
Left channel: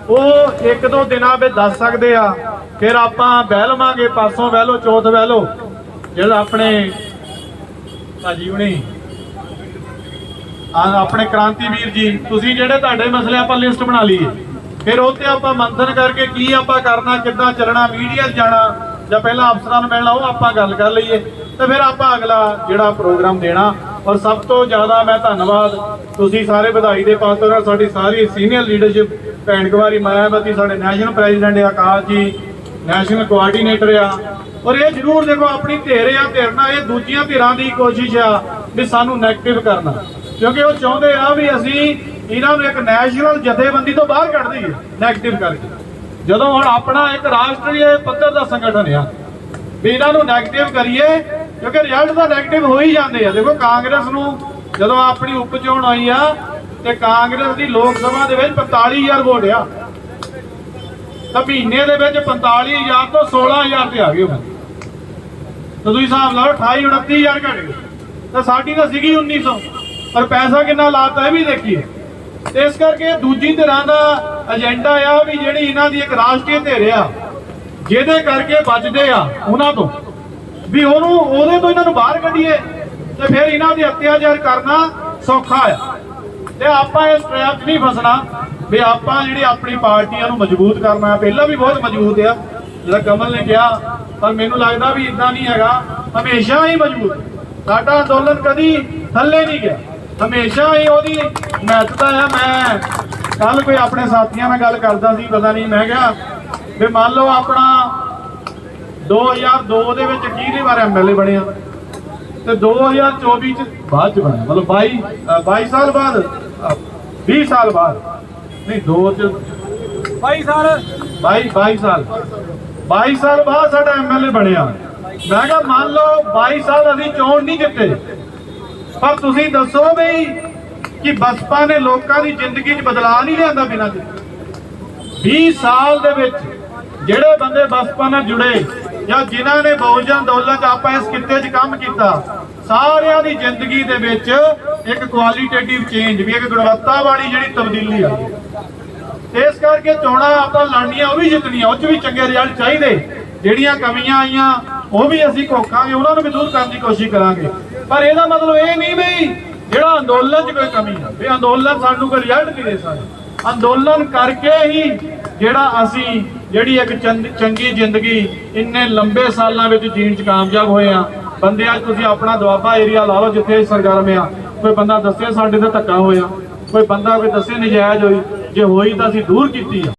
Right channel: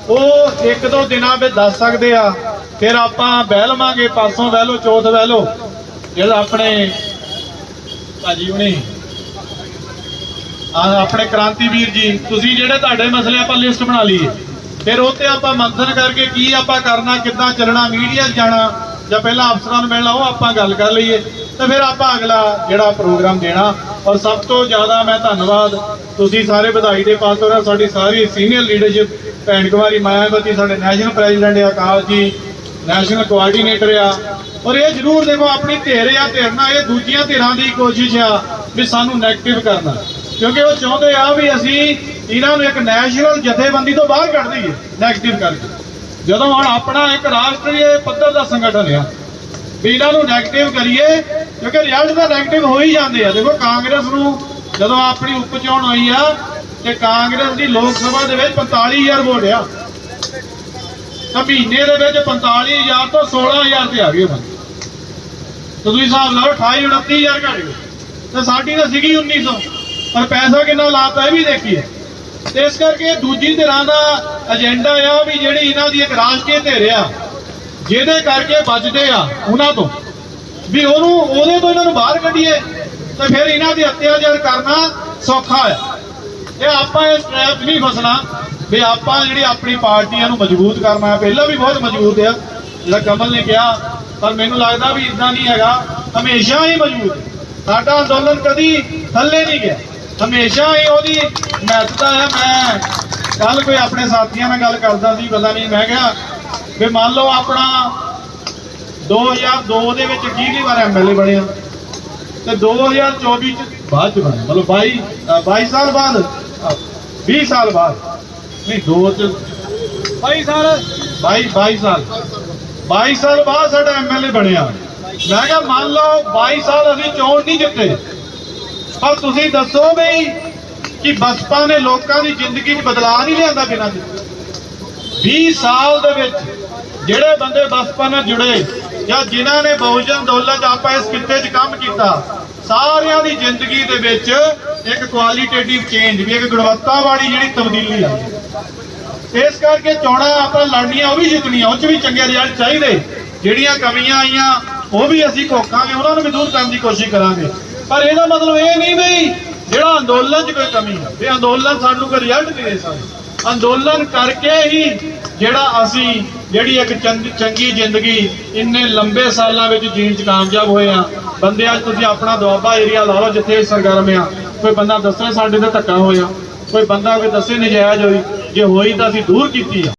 ਉਹ ਇੱਕ ਦੋ ਦਿਨਾਂ ਵਿੱਚ ਦੱਸ ਸਕਦੇ ਆ ਫਿਰ ਆਪਾਂ ਬਹਿ ਲਵਾਂਗੇ ਪਾਸੋਂ ਬਹਿ ਲਓ, ਚੌਥ ਬਹਿ ਲਓ। ਜਿਹੜਾ ਆਪਣੇ ਭਾਜੀ ਹੁਣੀ। ਆ ਆਪਣੇ ਕ੍ਰਾਂਤੀਵੀਰ ਜੀ, ਤੁਸੀਂ ਜਿਹੜੇ ਤੁਹਾਡੇ ਮਸਲੇ ਆਪਾਂ ਲਿਸਟ ਬਣਾ ਲਈਏ। ਫਿਰ ਉਹ ਤੇ ਆਪਾਂ ਮੰਥਨ ਕਰਕੇ ਕੀ ਆਪਾਂ ਕਰਨਾ, ਕਿੱਦਾਂ ਚੱਲਣਾ ਮੀਡੀਆ ਜਾਣਾ, ਜਾਂ ਪਹਿਲਾਂ ਅਫਸਰਾਂ ਨੂੰ ਮਿਲਣਾ ਉਹ ਆਪਾਂ ਗੱਲ ਕਰ ਲਈਏ। ਤਾਂ ਫਿਰ ਆਪਾਂ ਅਗਲਾ ਜਿਹੜਾ ਪ੍ਰੋਗਰਾਮ ਦੇਣਾ। ਔਰ ਸਭ ਤੋਂ ਜ਼ਿਆਦਾ ਮੈਂ ਧੰਨਵਾਦ ਤੁਸੀਂ ਸਾਰੇ ਵਧਾਈ ਦੇ ਪਾਤਰ ਹੋ, ਸਾਡੀ ਸਾਰੀ ਸੀਨੀਅਰ ਲੀਡਰਸ਼ਿਪ ਭੈਣ ਕੁਮਾਰੀ ਮਾਇਆਵਤੀ ਸਾਡੇ ਨੈਸ਼ਨਲ ਪ੍ਰੈਜ਼ੀਡੈਂਟ ਆਕਾਸ਼ ਜੀ ਨੈਸ਼ਨਲ ਕੋਆਰਡੀਨੇਟਰ ਆ। ਔਰ ਇਹ ਜ਼ਰੂਰ ਦੇਖੋ, ਆਪਣੀ ਧਿਰ ਆ ਧਿਰਨਾ ਇਹ ਦੂਜੀਆਂ ਧਿਰਾਂ ਦੀ ਕੋਸ਼ਿਸ਼ ਆ ਵੀ ਸਾਨੂੰ ਨੈਗੇਟਿਵ ਕਰਨਾ। ਕਿਉਂਕਿ ਉਹ ਚਾਹੁੰਦੇ ਆ ਵੀ ਅਸੀਂ ਇਹਨਾਂ ਨੂੰ ਇੱਕ ਨੈਸ਼ਨਲ ਜਥੇਬੰਦੀ ਤੋਂ ਬਾਹਰ ਕੱਢ ਦਈਏ ਨੈਗੇਟਿਵ ਕਰਕੇ। ਜਦੋਂ ਹੁਣ ਆਪਣਾ ਇੱਕ ਰਾਸ਼ਟਰੀ ਪੱਧਰ ਦਾ ਸੰਗਠਨ ਆ, ਵੀ ਇਹਨਾਂ ਨੂੰ ਨੈਗੇਟਿਵ ਕਰੀਏ, ਕਿਉਂਕਿ ਰਿਜ਼ਲਟ ਤਾਂ ਨੈਗੇਟਿਵ ਹੋ ਹੀ ਜਾਂਦੇ ਆ। ਦੇਖੋ, ਕਾਂਗਰਸ ਨੂੰ ਜਦੋਂ ਆਪਣੀ ਉਪ ਚੋਣ ਹੋਈ ਆ, ਤੇ ਕਾਂਗਰਸ ਦੀ ਲੋਕ ਸਭਾ ਦੇ ਵਿੱਚ 45000 ਵੋਟ ਆ। ਤਾਂ ਮਹੀਨੇ ਦੇ ਵਿੱਚ 45000 ਤੋਂ 16000 ਤੇ ਆ ਗਏ ਉਹਨਾਂ ਤਾਂ ਤੁਸੀਂ ਹਿਸਾਬ ਲਾਓ 28 29000 ਘਟ ਗਏ। ਤਾਂ ਸਾਡੀ ਤਾਂ ਸੀਗੀ 1900 ਪਰ ਪੈਸਾ ਕਿੰਨਾ ਲਾਤਾ ਇਹ ਵੀ ਦੇਖੀਏ। ਤੇ ਇਸ ਕਰਕੇ ਦੂਜੀ ਧਿਰਾਂ ਦਾ ਏਜੰਡਾ ਆ ਵੀ ਜਿਹੜੀ ਇਹਨਾਂ ਦੀ ਇੱਕ ਰਾਸ਼ਟਰੀ ਧਿਰ ਆ, ਜਿਹਦੇ ਕਰਕੇ ਬਚਦੇ ਆ ਉਹਨਾਂ ਤੋਂ। ਵੀ ਉਹਨੂੰ, ਉਹਦੇ ਤੋਂ ਇਹਨਾਂ ਨੂੰ ਬਾਹਰ ਕੱਢੀਏ, ਤੇ ਫਿਰ ਇਹਨਾਂ ਦੀ ਅਤਿਆਚਾਰ ਕਰਨਾ ਸੌਖਾ ਆ। ਤੇ ਆਪਾਂ ਇਸ ਟ੍ਰੈਪ ਨਹੀਂ ਫਸਣਾ। ਵੀ ਆਪਾਂ ਜਿਹੜੀ ਆਪਣੀ ਪਾਰਟੀਆਂ ਨੂੰ ਮਜ਼ਬੂਤ ਕਰਨਾ ਹੈ ਪਹਿਲਾਂ ਵੀ ਬਹੁਤ ਮਜ਼ਬੂਤ ਆ। ਜਿਹੜਾ ਕਮਲ ਨੇ ਕਿਹਾ ਪਰ ਮੈਨੂੰ ਲੱਗਦਾ ਵੀ ਇਦਾਂ ਨਹੀਂ ਹੈਗਾ। ਹਮੇਸ਼ਾ ਹੀ ਮਜ਼ਬੂਤ। ਸਾਡਾ ਅੰਦੋਲਨ ਕਦੀ ਥੱਲੇ ਨਹੀਂ ਗਿਆ। ਹਮੇਸ਼ਾ ਹੀ ਉਹਦੀ ਮਹੱਤਤਾ ਆ। ਮੈਂ ਕੱਲ ਕੋਈ ਆਪਣੇ ਸਾਥੀਆਂ ਨਾਲ ਗੱਲ ਕਰਦਾ ਸੀ ਪਤਾ ਨਹੀਂ ਮੈਂ ਕਿਹਾ ਵੀ ਮੰਨ ਲਓ ਆਪਣਾ 2002 ਦੇ ਵਿੱਚ ਕਿਹਦੀ ਵਾਰ ਐਮਐਲਏ ਬਣਿਆ? ਤੇ 2024 ਚ ਬਾਅਦ ਚ ਬਣਿਆ। ਮਤਲਬ 22 ਅ, 22 ਸਾਲ ਬਾਅਦ ਅ, 20 ਸਾਲ ਬਾਅਦ। ਨਹੀਂ ਦੋ ਚ 22 ਸਾਲ। 22 22 ਸਾਲ। 22 ਸਾਲ ਬਾਅਦ ਸਾਡਾ ਐਮਐਲਏ ਬਣਿਆ। ਮੈਂ ਕਿਹਾ ਮੰਨ ਲਓ 22 ਸਾਲ ਅਸੀਂ ਚੋਣ ਨਹੀਂ ਜਿੱਤੇ। ਪਰ ਤੁਸੀਂ ਦੱਸੋ ਵੀ ਕਿ ਬਸਪਾ ਨੇ ਲੋਕਾਂ ਦੀ ਜ਼ਿੰਦਗੀ 'ਚ ਬਦਲਾਅ ਨਹੀਂ ਲਿਆਂਦਾ ਬਿਨਾਂ ਦੇ। 20 ਸਾਲ ਦੇ ਵਿੱਚ ਜਿਹੜੇ ਬੰਦੇ ਬਸਪਾ ਨਾਲ ਜੁੜੇ ਜਾਂ ਜਿਨ੍ਹਾਂ ਨੇ ਬਹੁਜਨ ਅੰਦੋਲਨ 'ਚ ਆਪਾਂ ਇਸ ਕਿੱਤੇ 'ਚ ਕੰਮ ਕੀਤਾ ਸਾਰਿਆਂ ਦੀ ਜ਼ਿੰਦਗੀ ਦੇ ਵਿੱਚ ਇੱਕ ਕੁਆਲੀਟੇਟਿਵ ਚੇਂਜ ਵੀ ਇੱਕ ਗੁਣਵੱਤਾ ਵਾਲੀ ਜਿਹੜੀ ਤਬਦੀਲੀ ਆਈ। ਇਸ ਕਰਕੇ ਚੋਣਾਂ ਆਪਾਂ ਲੜਨੀਆਂ, ਉਹ ਵੀ ਜਿੱਤਣੀਆਂ, ਉਹ 'ਚ ਵੀ ਚੰਗੇ ਰਿਜ਼ਲਟ ਚਾਹੀਦੇ। ਜਿਹੜੀਆਂ ਕਮੀਆਂ ਆਈਆਂ, ਉਹ ਵੀ ਅਸੀਂ ਘੋਕਾਂਗੇ ਉਹਨਾਂ ਨੂੰ ਵੀ ਦੂਰ ਕਰਨ ਦੀ ਕੋਸ਼ਿਸ਼ ਕਰਾਂਗੇ। ਪਰ ਇਹਦਾ ਮਤਲਬ ਇਹ ਨਹੀਂ ਵੀ ਜਿਹੜਾ ਅੰਦੋਲਨ 'ਚ ਕੋਈ ਕਮੀ ਹੈ ਵੀ ਅੰਦੋਲਨ ਸਾਨੂੰ ਕੋਈ ਰਿਜ਼ਲਟ ਨਹੀਂ ਦੇ ਸਕਦਾ। ਅੰਦੋਲਨ ਕਰਕੇ ਹੀ ਜਿਹੜਾ ਅਸੀਂ, ਜਿਹੜੀ ਇੱਕ ਚੰਗ- ਚੰਗੀ ਜ਼ਿੰਦਗੀ ਇੰਨੇ ਲੰਬੇ ਸਾਲਾਂ ਵਿੱਚ ਜੀਣ 'ਚ ਕਾਮਯਾਬ ਹੋਏ ਆ ਬੰਦੇ ਅੱਜ ਤੁਸੀਂ ਆਪਣਾ ਦੁਆਬਾ ਏਰੀਆ ਲਾ ਲਓ, ਜਿੱਥੇ ਸਰਗਰਮ ਆ। ਕੋਈ ਬੰਦਾ ਦੱਸੇ ਸਾਡੇ ਤੇ ਧੱਕਾ ਹੋਇਆ। ਕੋਈ ਬੰਦਾ ਕੋਈ ਦੱਸੇ ਨਜਾਇਜ਼ ਹੋਈ ਜੇ ਹੋਈ ਤਾਂ ਅਸੀਂ ਦੂਰ ਕੀਤੀ ਆ।